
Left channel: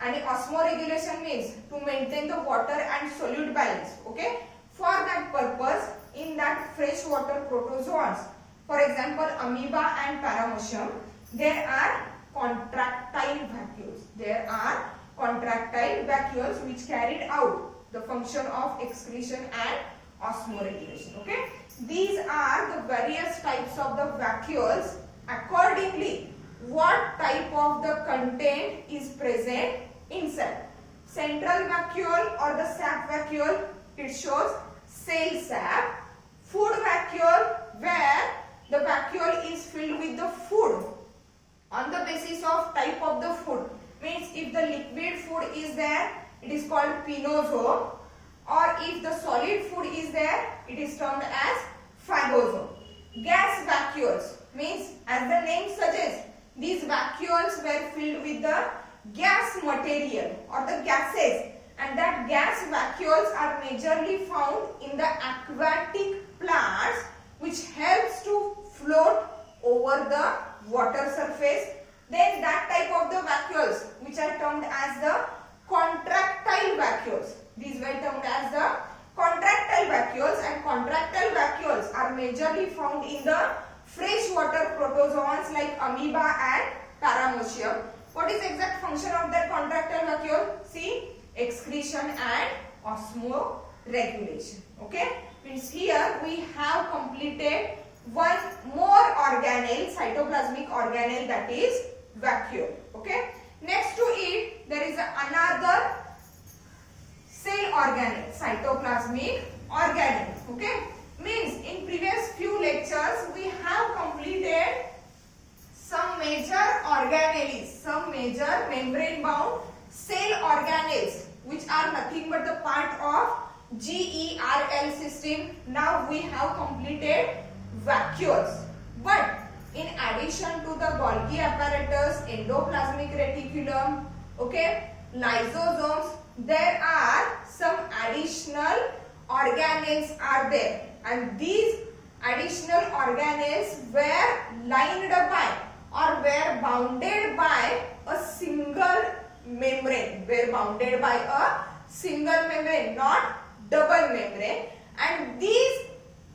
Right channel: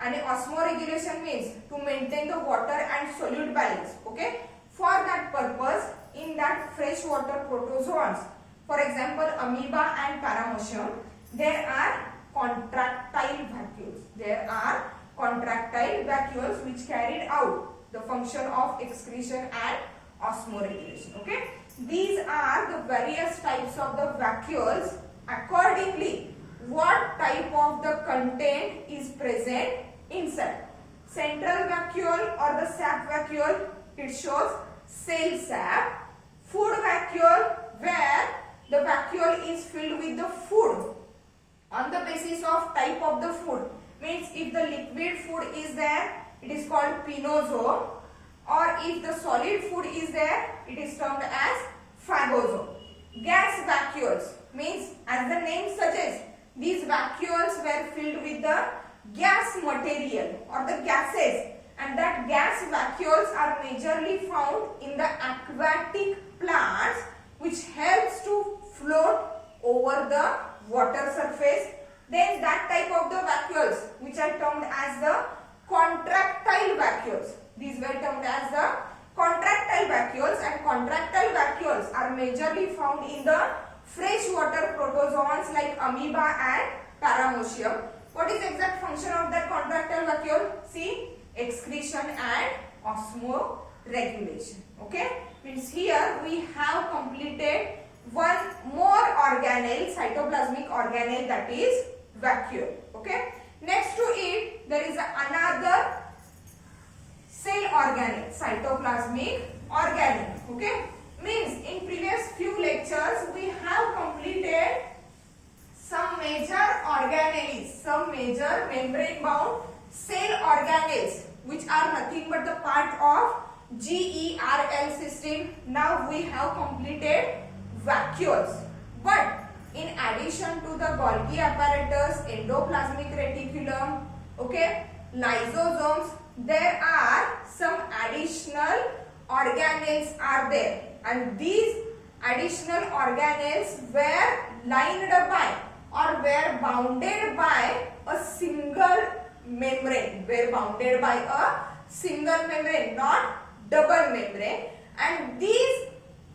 and osmoregulation means to maintain the water and solute balance. Okay, for that purpose, in that fresh water protozoans, for example amoeba and paramecium, there are contractile vacuoles. There are contractile vacuoles which carried out the function of excretion and osmoregulation. Okay, these are the various types of the vacuoles. Accordingly, what type of the content is present inside. Central vacuole or the sap vacuole, it shows cell sap. Food vacuole, where the vacuole is filled with the food on the basis of type of the food. Means if the liquid food is there, it is called pinosome, or if the solid food is there, it is termed as phagosome. Gas vacuoles means, as the name suggests, these vacuoles were filled with the gas material or the gases, and that gas vacuoles are majorly found in the aquatic plants, which helps to float over the water surface. Then that type of the vacuoles which are termed as the contractile vacuoles. These were termed as the contractile vacuoles, and contractile vacuoles are majorly found in the freshwater protozoans like amoeba and paramecium. What is exact function of that contractile vacuole? See, excretion and osmoregulation. Okay, means here we have completed one more organelle, cytoplasmic organelle, that is vacuole. Okay, next to it there is another cell organelle, cytoplasmic organelle. Okay, means in previous few lectures we have completed some major organelles, some major membrane bound cell organelles, which are nothing but the part of GERL system. Now we have completed vacuoles, but in addition to the Golgi apparatus, endoplasmic reticulum, okay, lysosomes, there are some additional organelles are there, and these additional organelles were lined by or were bounded by a single membrane, not double membrane, and these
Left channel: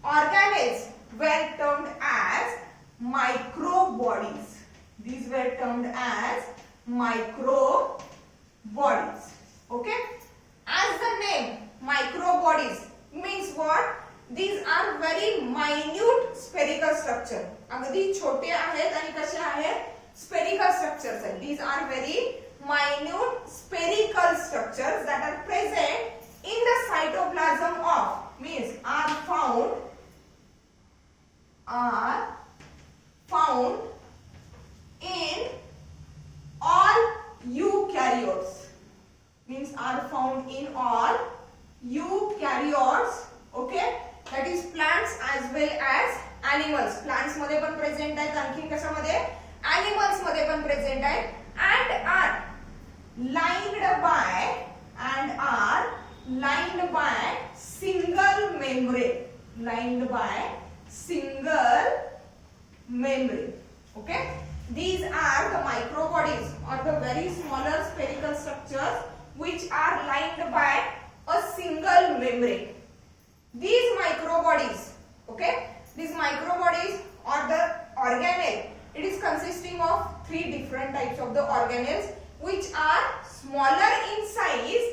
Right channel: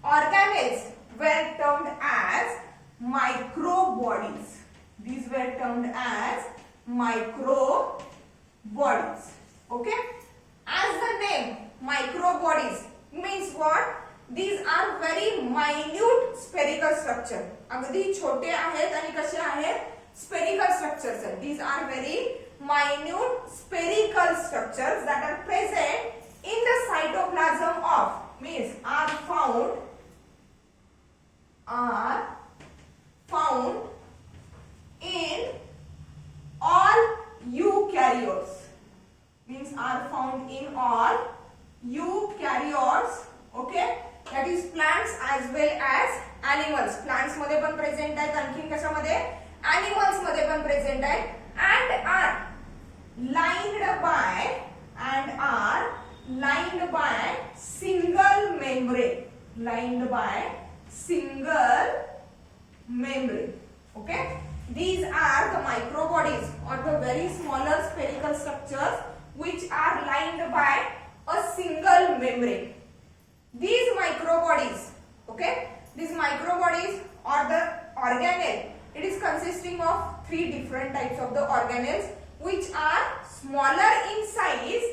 organelles were termed as microbodies. These were termed as microbodies. Okay, as the name microbodies means what? These are very minute spherical structure. अगदी छोटे आहेत आणि कसे आहेत? Spherical structures आहेत. These are very minute spherical structures that are present in the cytoplasm of means are found in all eukaryotes. Means are found in all eukaryotes. Okay, that is plants as well as animals. Plants मध्ये पण present आहेत, आणखीन कशामध्ये? Animals मध्ये पण present आहेत and are lined by single membrane. Lined by single membrane. Okay, these are the microbodies or the very smaller spherical structures which are lined by a single membrane. These microbodies, okay, these microbodies or the organelle, it is consisting of three different types of the organelles which are smaller in size,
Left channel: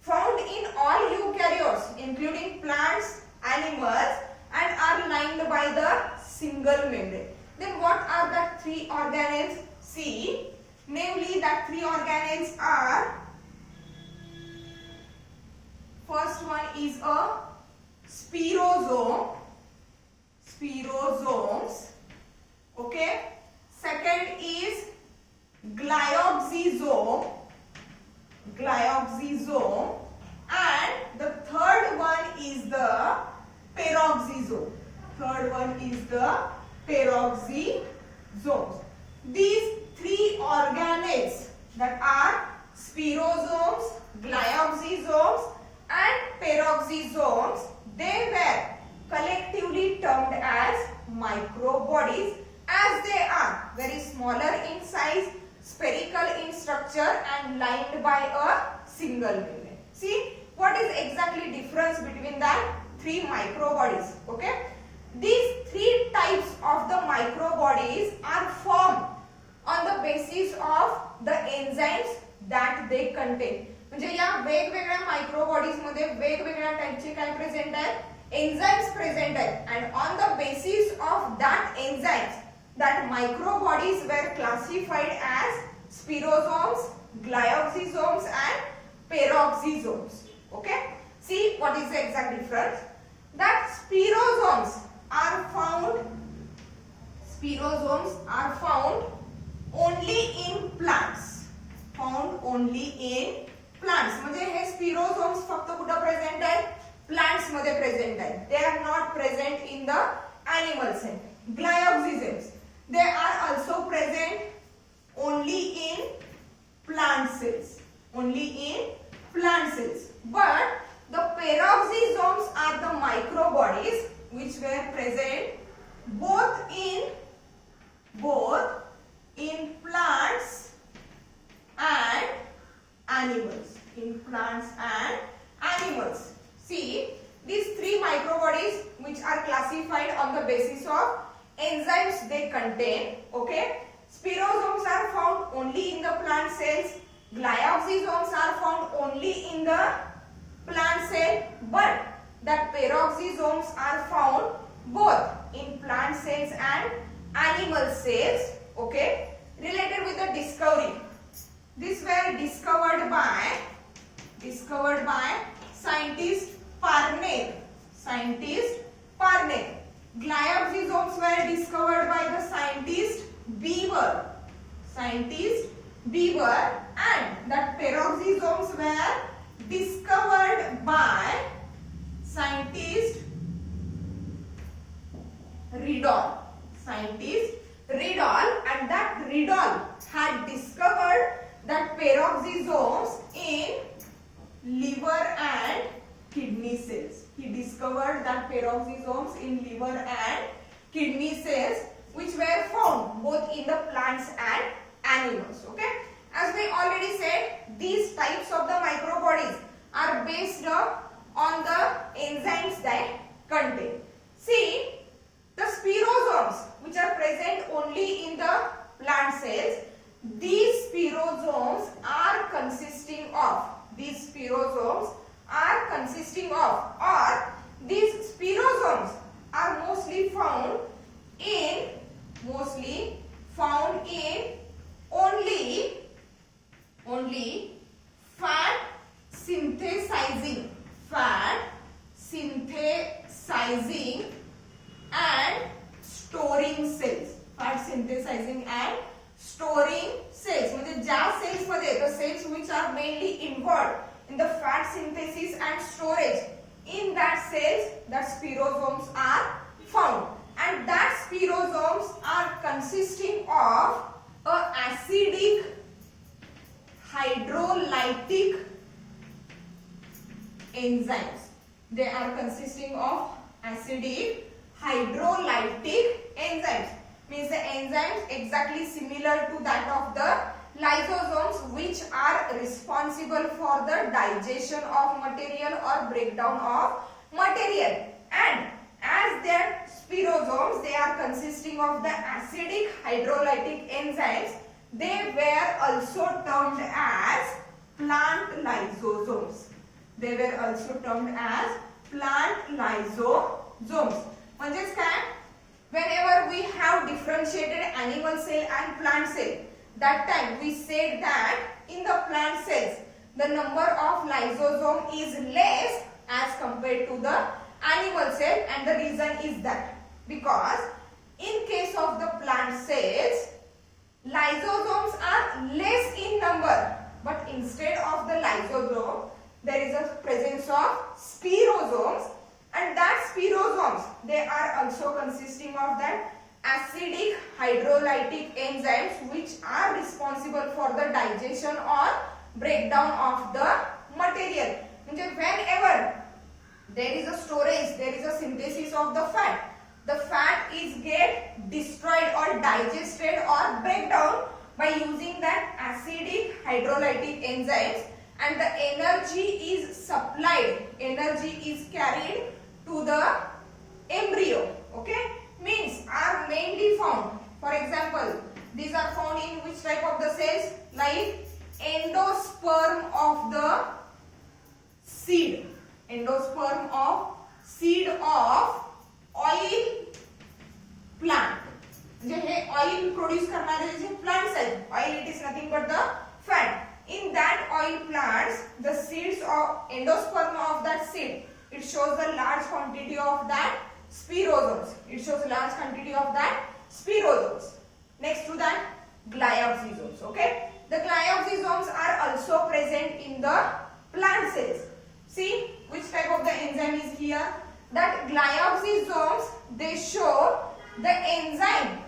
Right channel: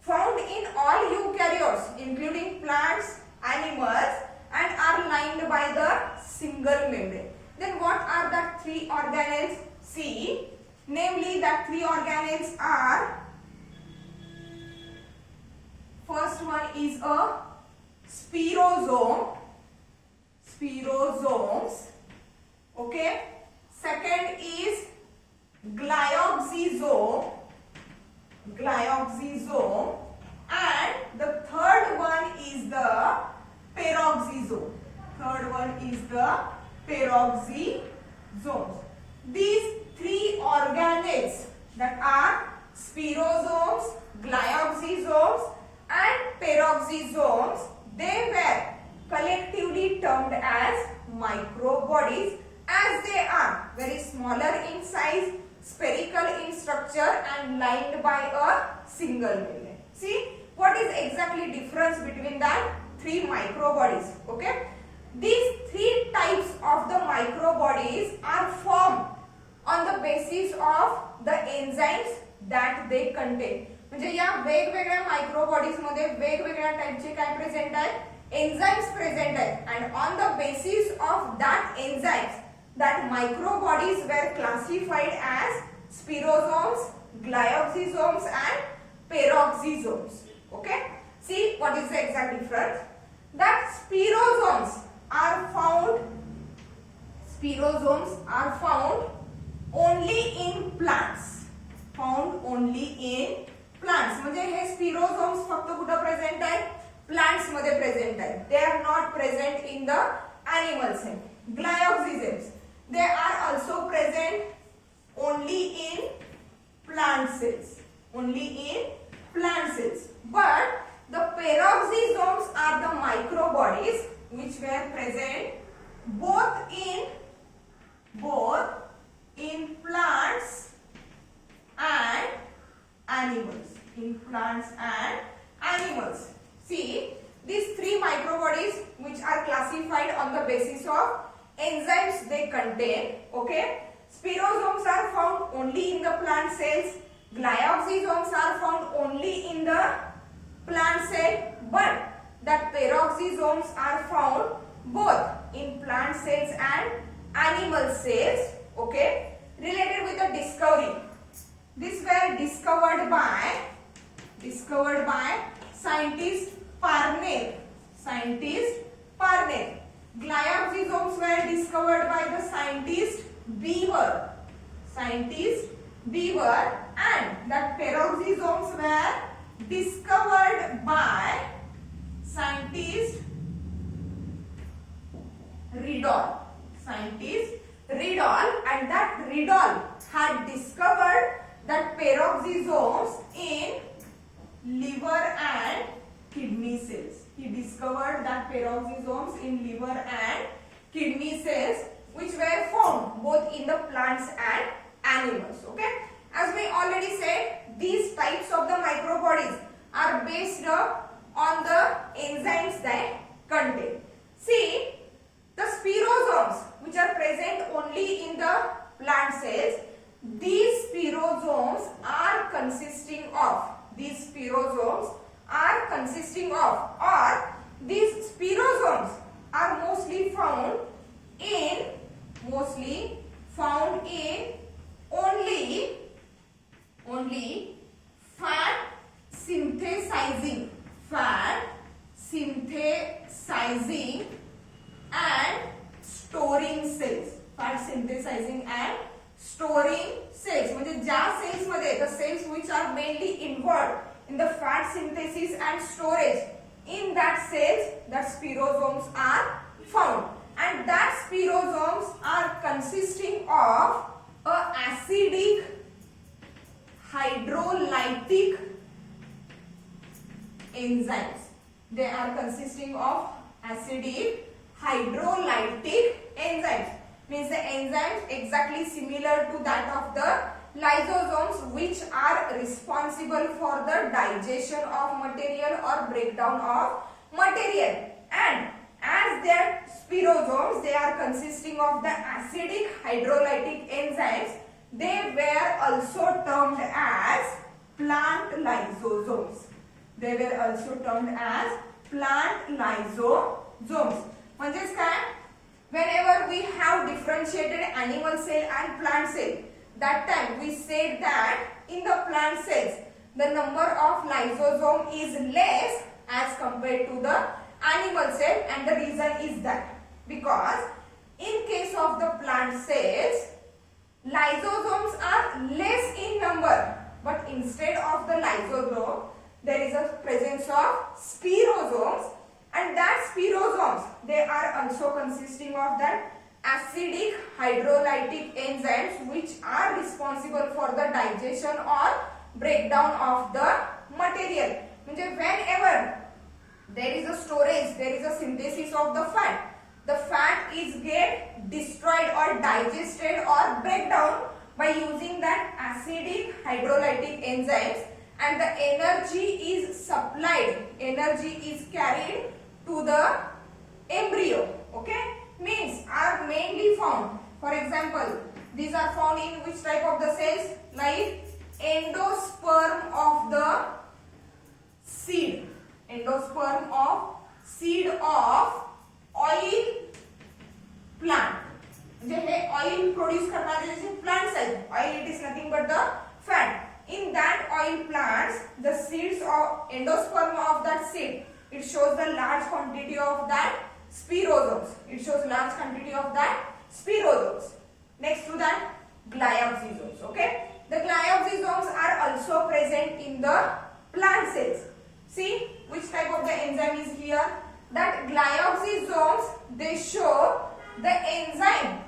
found in all eukaryotes including plants, animals, and are lined by the single membrane. Then what are the three organelles? See, namely that three organelles are, first one is a spirosome, spirosomes. Okay, second is glyoxysome, glyoxysome, and the third one is the peroxisome. Third one is the peroxisomes. These three organelles that are spirosomes, glyoxysomes, and peroxisomes, they were collectively termed as microbodies as they are very smaller in size, spherical in structure and lined by a single membrane. See what is exactly difference between that three microbodies. Okay, these three types of the microbodies are formed on the basis of the enzymes that they contain. म्हणजे या वेगवेगळ्या मायक्रोबॉडीज मध्ये वेगवेगळ्या टाइपचे काय present आहेत? Enzymes present आहेत and on the basis of that enzymes that microbodies were classified as spirosomes, glyoxysomes and peroxisomes. Okay, see what is the exact difference? That spirosomes are found only in plants. Found only in plants. म्हणजे हे spirosomes फक्त कुठे present आहेत? Plants मध्ये present आहेत. They are not present in the animal cell. Glyoxysomes, they are also present only in plant cells. Only in plant cells. But the peroxisomes are the microbodies which were present both in plants and animals. In plants and animals. See, these three microbodies which are classified on the basis of enzymes they contain. Okay, spirosomes are found only in the plant cells. Glyoxysomes are found only in the plant cell, but that peroxisomes are found both in plant cells and animal cells. Okay, related with the discovery. These were discovered by scientist Parnell. Glyoxysomes were discovered by the scientist Beaver, and that peroxisomes were discovered by scientist Riddle. And that Riddle had discovered that peroxisomes in liver and kidney cells. He discovered that peroxisomes in liver and kidney cells which were found both in the plants and animals. Okay, as we already said, these types of the microbodies are based on the enzymes they contain. See, the spirosomes which are present only in the plant cells, these spirosomes are consisting of spirosomes are consisting of, or these spirosomes are mostly found in only fat synthesizing and storing cells. Fat synthesizing and storing cells म्हणजे ज्या cells मध्ये, the cells which are mainly involved in the fat synthesis and storage, in that cells that spirosomes are found, and that spirosomes are consisting of a acidic hydrolytic enzymes. They are consisting of acidic hydrolytic enzymes. Means the enzymes exactly similar to that of the lysosomes, which are responsible for the digestion of material or breakdown of material. And as their spirosomes, they are consisting of the acidic hydrolytic enzymes, they were also termed as plant lysosomes. They were also termed as plant lysosomes. म्हणजेच काय? Whenever we have differentiated animal cell and plant cell, that time we said that in the plant cells the number of lysosome is less as compared to the animal cell, and the reason is that because in case of the plant cells lysosomes are less in number, but instead of the lysosome there is a presence of spirosomes, and that spirosomes, they are also consisting of that acidic hydrolytic enzymes which are responsible for the digestion or breakdown of the material. म्हणजे whenever there is a storage, there is a synthesis of the fat is get destroyed or digested or break down by using that acidic hydrolytic enzymes, and the energy is supplied, energy is carried to the embryo. Okay, means are mainly found, for example, these are found in which type of the cells? Like endosperm of the seed, endosperm of seed of oil plant. म्हणजे हे oil produce करणारे जे plants आहेत, oil it is nothing but the fat. In that oil plants, the seeds of endosperm of that seed, it shows the large quantity of that spirosomes. It shows large quantity of that spirosomes. Next to that, glyoxysomes. Okay, the glyoxysomes are also present in the plant cells. See which type of the enzyme is here? That glyoxysomes, they show the enzyme.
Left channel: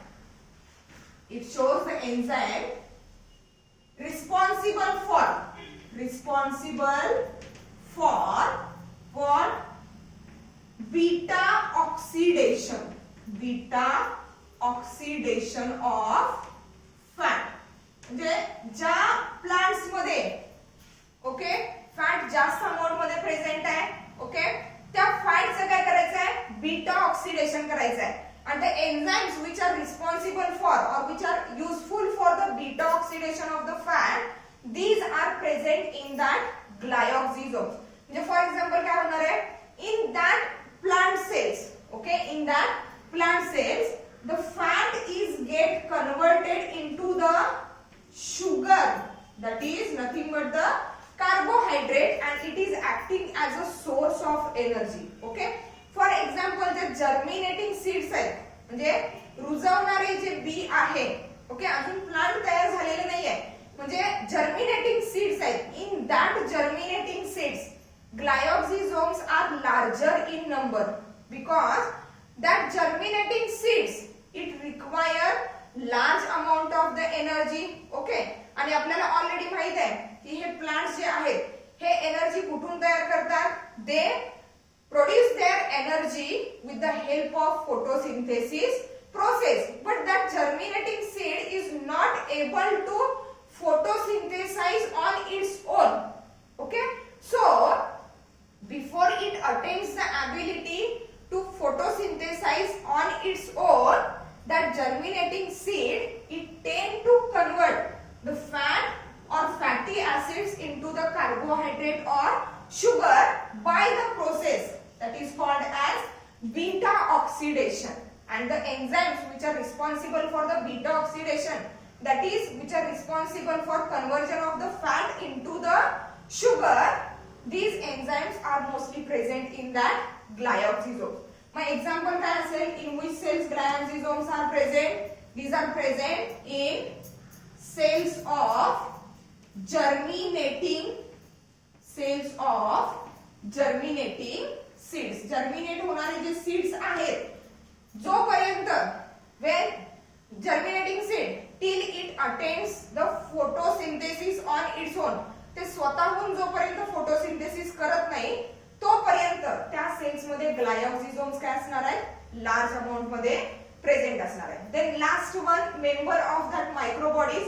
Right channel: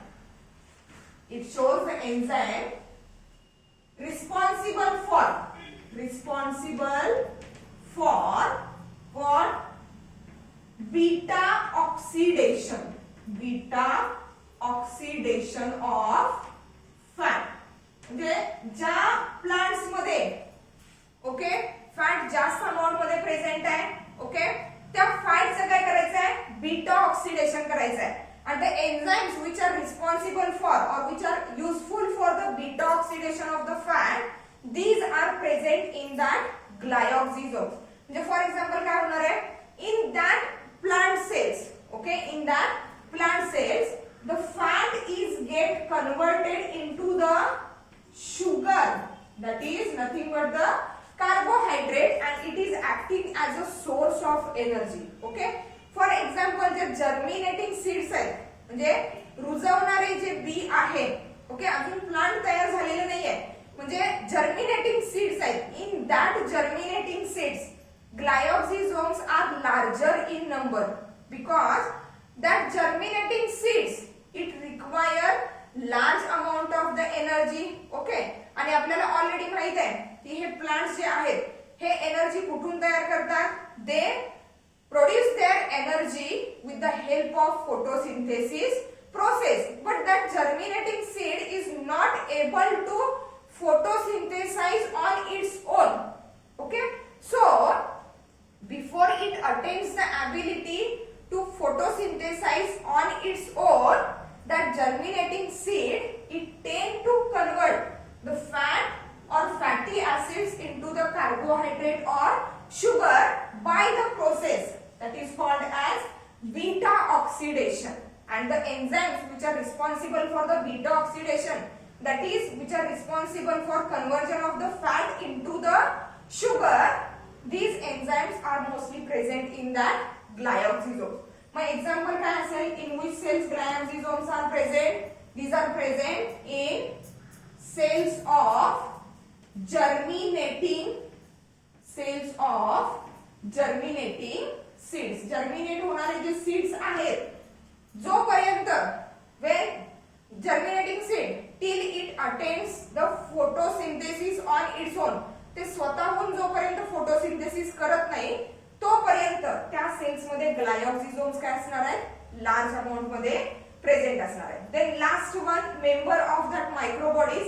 It shows the enzyme responsible for beta oxidation of fat. म्हणजे ज्या plants मध्ये okay fat जास्त amount मध्ये present आहे, okay त्या फॅटचं काय करायचं आहे? बीटा ऑक्सिडेशन करायचं आहे. And the enzymes which are responsible for or which are useful for the beta oxidation of the fat, these are present in that glyoxysomes. म्हणजे for example काय होणार आहे? In that plant cells, okay, in that plant cells, the fat is get converted into the sugar, that is nothing but the carbohydrate, and it is acting as a source of energy. Okay, for example, J germinating seeds आहेत, म्हणजे रुजवणारे जे B आहे, okay, अजून plant तयार झालेले नाहीये, म्हणजे germinating seeds आहेत. In that germinating seeds, glyoxysomes are larger in number because that germinating seeds, it require large amount of the energy. Okay, आणि आपल्याला ऑलरेडी माहित आहे की हे प्लांट्स जे आहेत हे एनर्जी कुठून तयार करतात? दे produce their energy with the help of photosynthesis process, but that germinating seed is not able to photosynthesize on its own. Okay, so before it attains the ability to photosynthesize on its own, that germinating seed, it tend to convert the fat or fatty acids into the carbohydrates carbohydrate or sugar by the process that is called as beta oxidation. And the enzymes which are responsible for the beta oxidation, that is which are responsible for conversion of the fat into the sugar, these enzymes are mostly present in that glyoxysomes. My example काय असेल, in which cells glyoxysomes are present? These are present in cells of germinating seeds. Germinate होणारे जे seeds आहेत, जोपर्यंत when germinating seed till it attains the photosynthesis on its own, ते स्वतःहून जोपर्यंत photosynthesis करत नाही तोपर्यंत त्या सेल्स मध्ये ग्लायोक्सिझोम्स काय असणार आहेत, लार्ज अमाउंट मध्ये प्रेझेंट असणार आहेत. Then last one member of that microbodies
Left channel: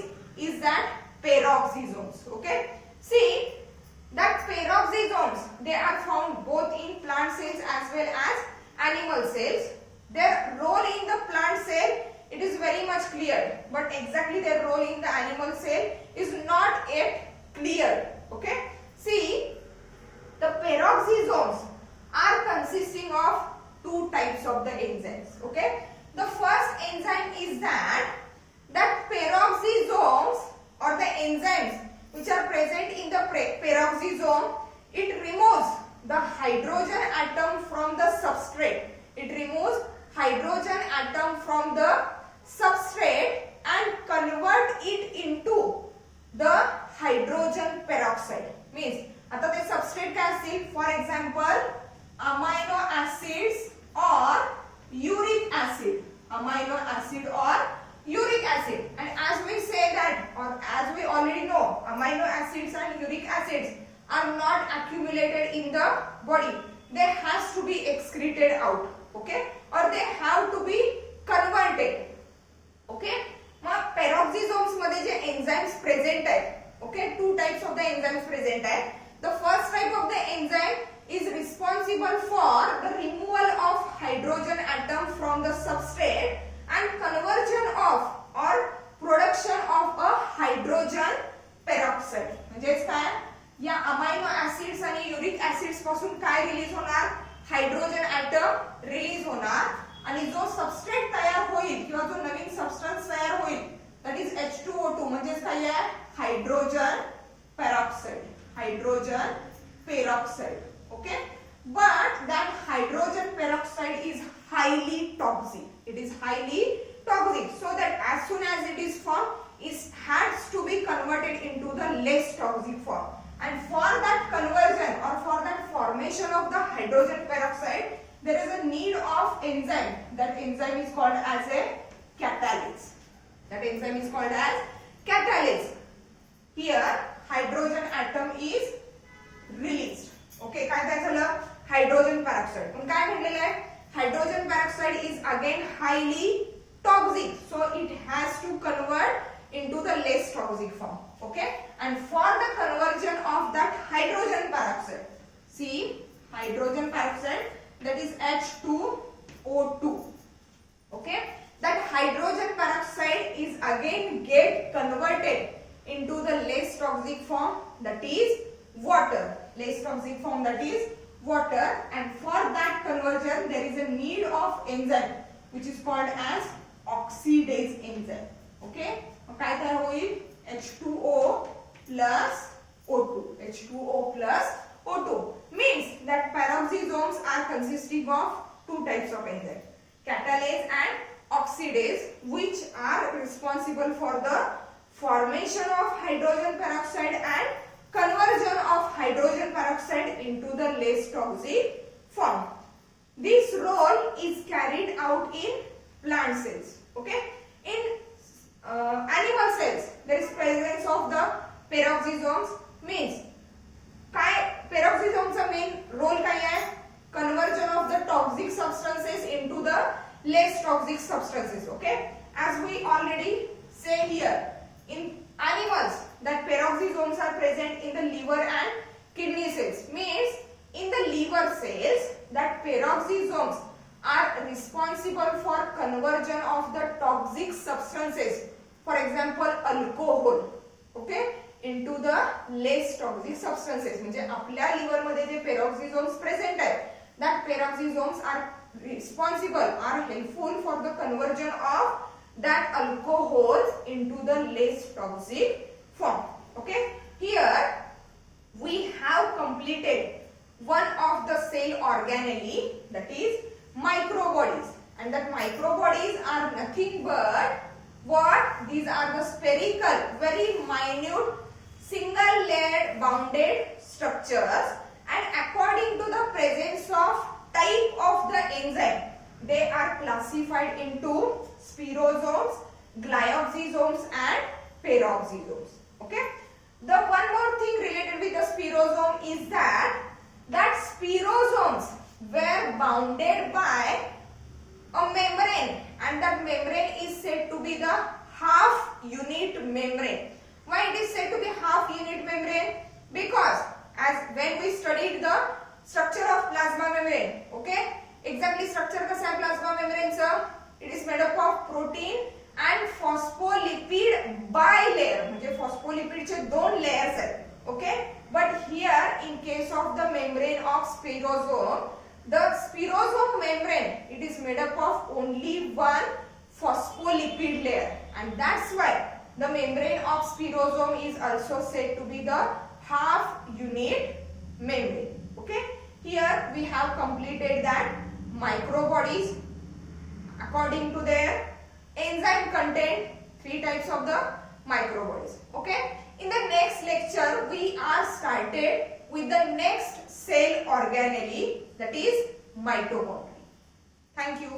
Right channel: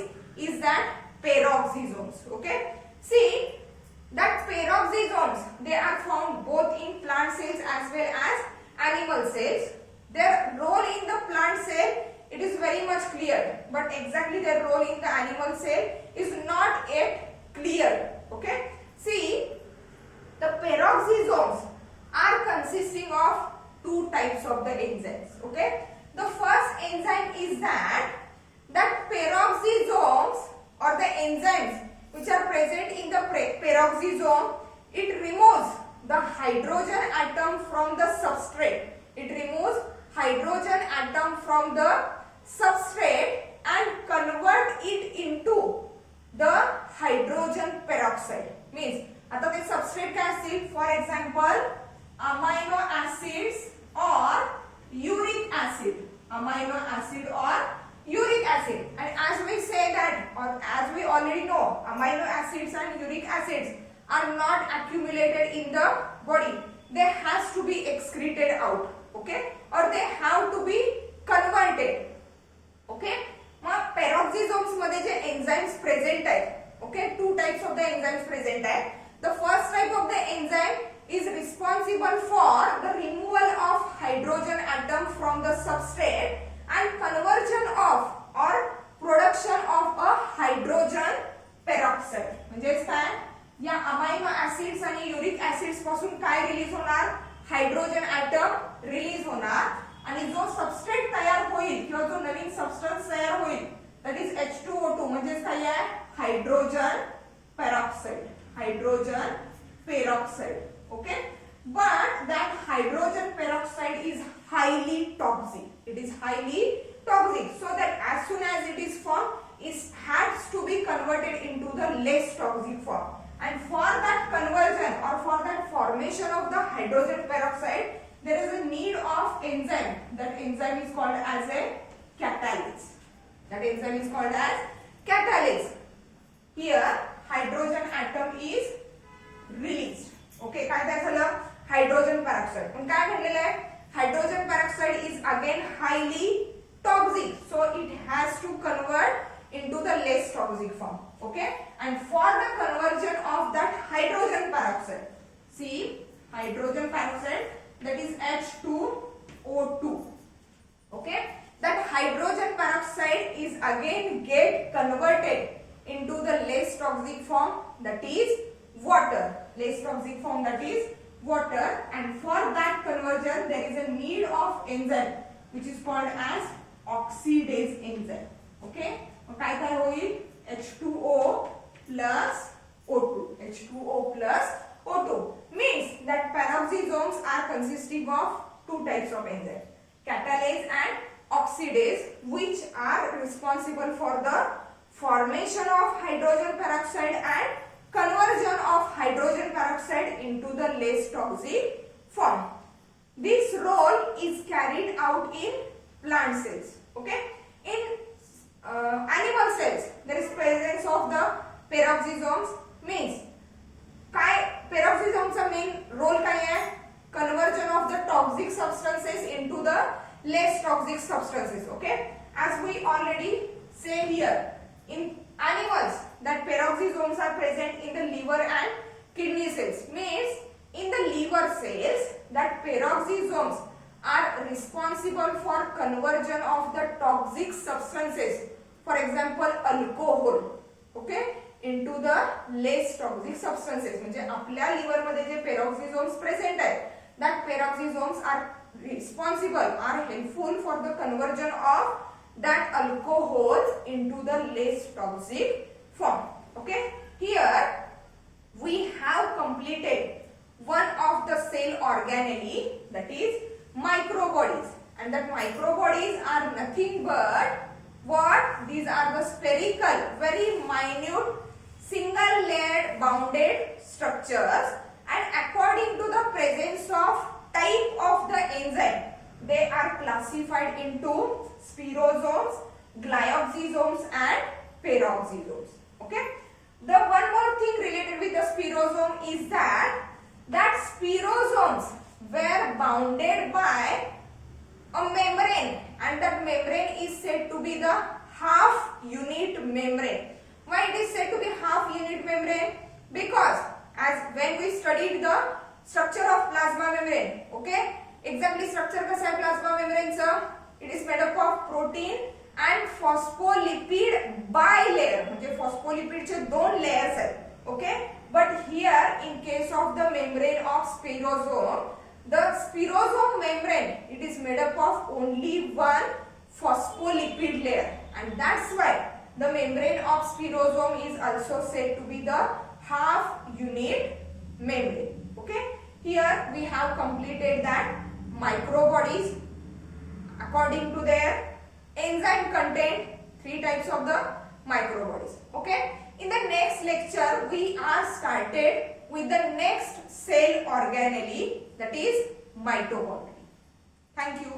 is that peroxisomes. Okay, see that peroxisomes, they are found both in plant cells as well as animal cells. Their role in the plant cell, it is very much clear, but exactly their role in the animal cell is not yet clear. Okay, see the peroxisomes are consisting of two types of the enzymes. Okay, the first enzyme is that peroxisomes or the enzymes which are present in the peroxisome, it removes the hydrogen atom from the substrate. It removes hydrogen atom from the substrate and convert it into the hydrogen peroxide. Means आता ते substrate काय असतील, for example amino acids or uric acid, amino acid or uric acid. And as we say that, or as we already know, amino acids and uric acids are not accumulated in the body. They has to be excreted out. Okay, or they have to be converted. Okay, mug peroxisomes मध्ये जे enzymes present आहेत, okay, two types of the enzymes present आहेत. The first type of the enzyme is responsible for the removal of hydrogen atom from the substrate and conversion of or production of a hydrogen peroxide. म्हणजेच काय, या amino acids आणि uric acids पासून काय release होणार, hydrogen atom release होणार आणि जो सबस्ट्रेट तयार होईल किंवा जो नवीन सबस्टन्स तयार होईल दॅट इज H2O2 म्हणजेच काय आहे, hydrogen peroxide. Hydrogen peroxide. Okay, but that hydrogen peroxide is highly toxic. It is highly toxic, so that as soon as it is formed, it has to be converted into the less toxic form. And for that conversion or for that formation of the hydrogen peroxide, there is a need of enzyme. That enzyme is called as a catalase. That enzyme is called as catalase. Here, hydrogen atom is released. Okay, काय झालं, hydrogen peroxide. पण काय म्हटलेलं आहे, hydrogen peroxide is again highly toxic, so it has to convert into the less toxic form. Okay, and for the conversion of that hydrogen peroxide, see hydrogen peroxide, that is H2O2. Okay, that hydrogen peroxide is again get converted into the less toxic form, that is water. Less toxic form, that is water, and for that conversion there is a need of enzyme which is called as oxidase enzyme. Okay, काय काय होईल, H2O plus O2. H2O plus O2 means that peroxisomes are consisting of two types of enzymes, catalase and oxidase, which are responsible for the formation of hydrogen peroxide and conversion of hydrogen peroxide into the less toxic form. This role is carried out in plant cells. Okay, in animal cells there is presence of the peroxisomes. Means काय, peroxisomeचा main role काय आहे, conversion of the toxic substances into the less toxic substances. Okay, as we already say here, in animals that peroxisomes are present in the liver and kidney cells. Means in the liver cells that peroxisomes are responsible for conversion of the toxic substances, for example alcohol. Okay, into the less toxic substances. म्हणजे आपल्या liver मध्ये जे peroxisomes present आहेत, that peroxisomes are responsible, are helpful for the conversion of that alcohols into the less toxic form. Okay, here we have completed one of the cell organelle, that is microbodies, and that microbodies are nothing but what? These are the spherical, very minute single layered bounded structures, and according to the presence of type of the enzyme, they are classified into spirosomes, glyoxysomes and peroxisomes. Okay, the one more thing related with the spirosome is that spirosomes were bounded by a membrane, and that membrane is said to be the half unit membrane. Why it is said to be half unit membrane? Because as when we studied the structure of plasma membrane, okay, exactly structure कसा आहे plasma membrane चा? It is made up of protein and phospholipid bilayer, म्हणजे phospholipid चे दोन layers आहेत. Okay, but here in case of the membrane of spirosome, the spirosome membrane, it is made up of only one phospholipid layer, and that's why the membrane of spirosome is also said to be the half unit membrane. Okay, here we have completed that microbodies according to their enzyme content, 3 types of the microbodies. Okay, in the next lecture we are started with the next cell organelle, that is mitochondria. Thank you.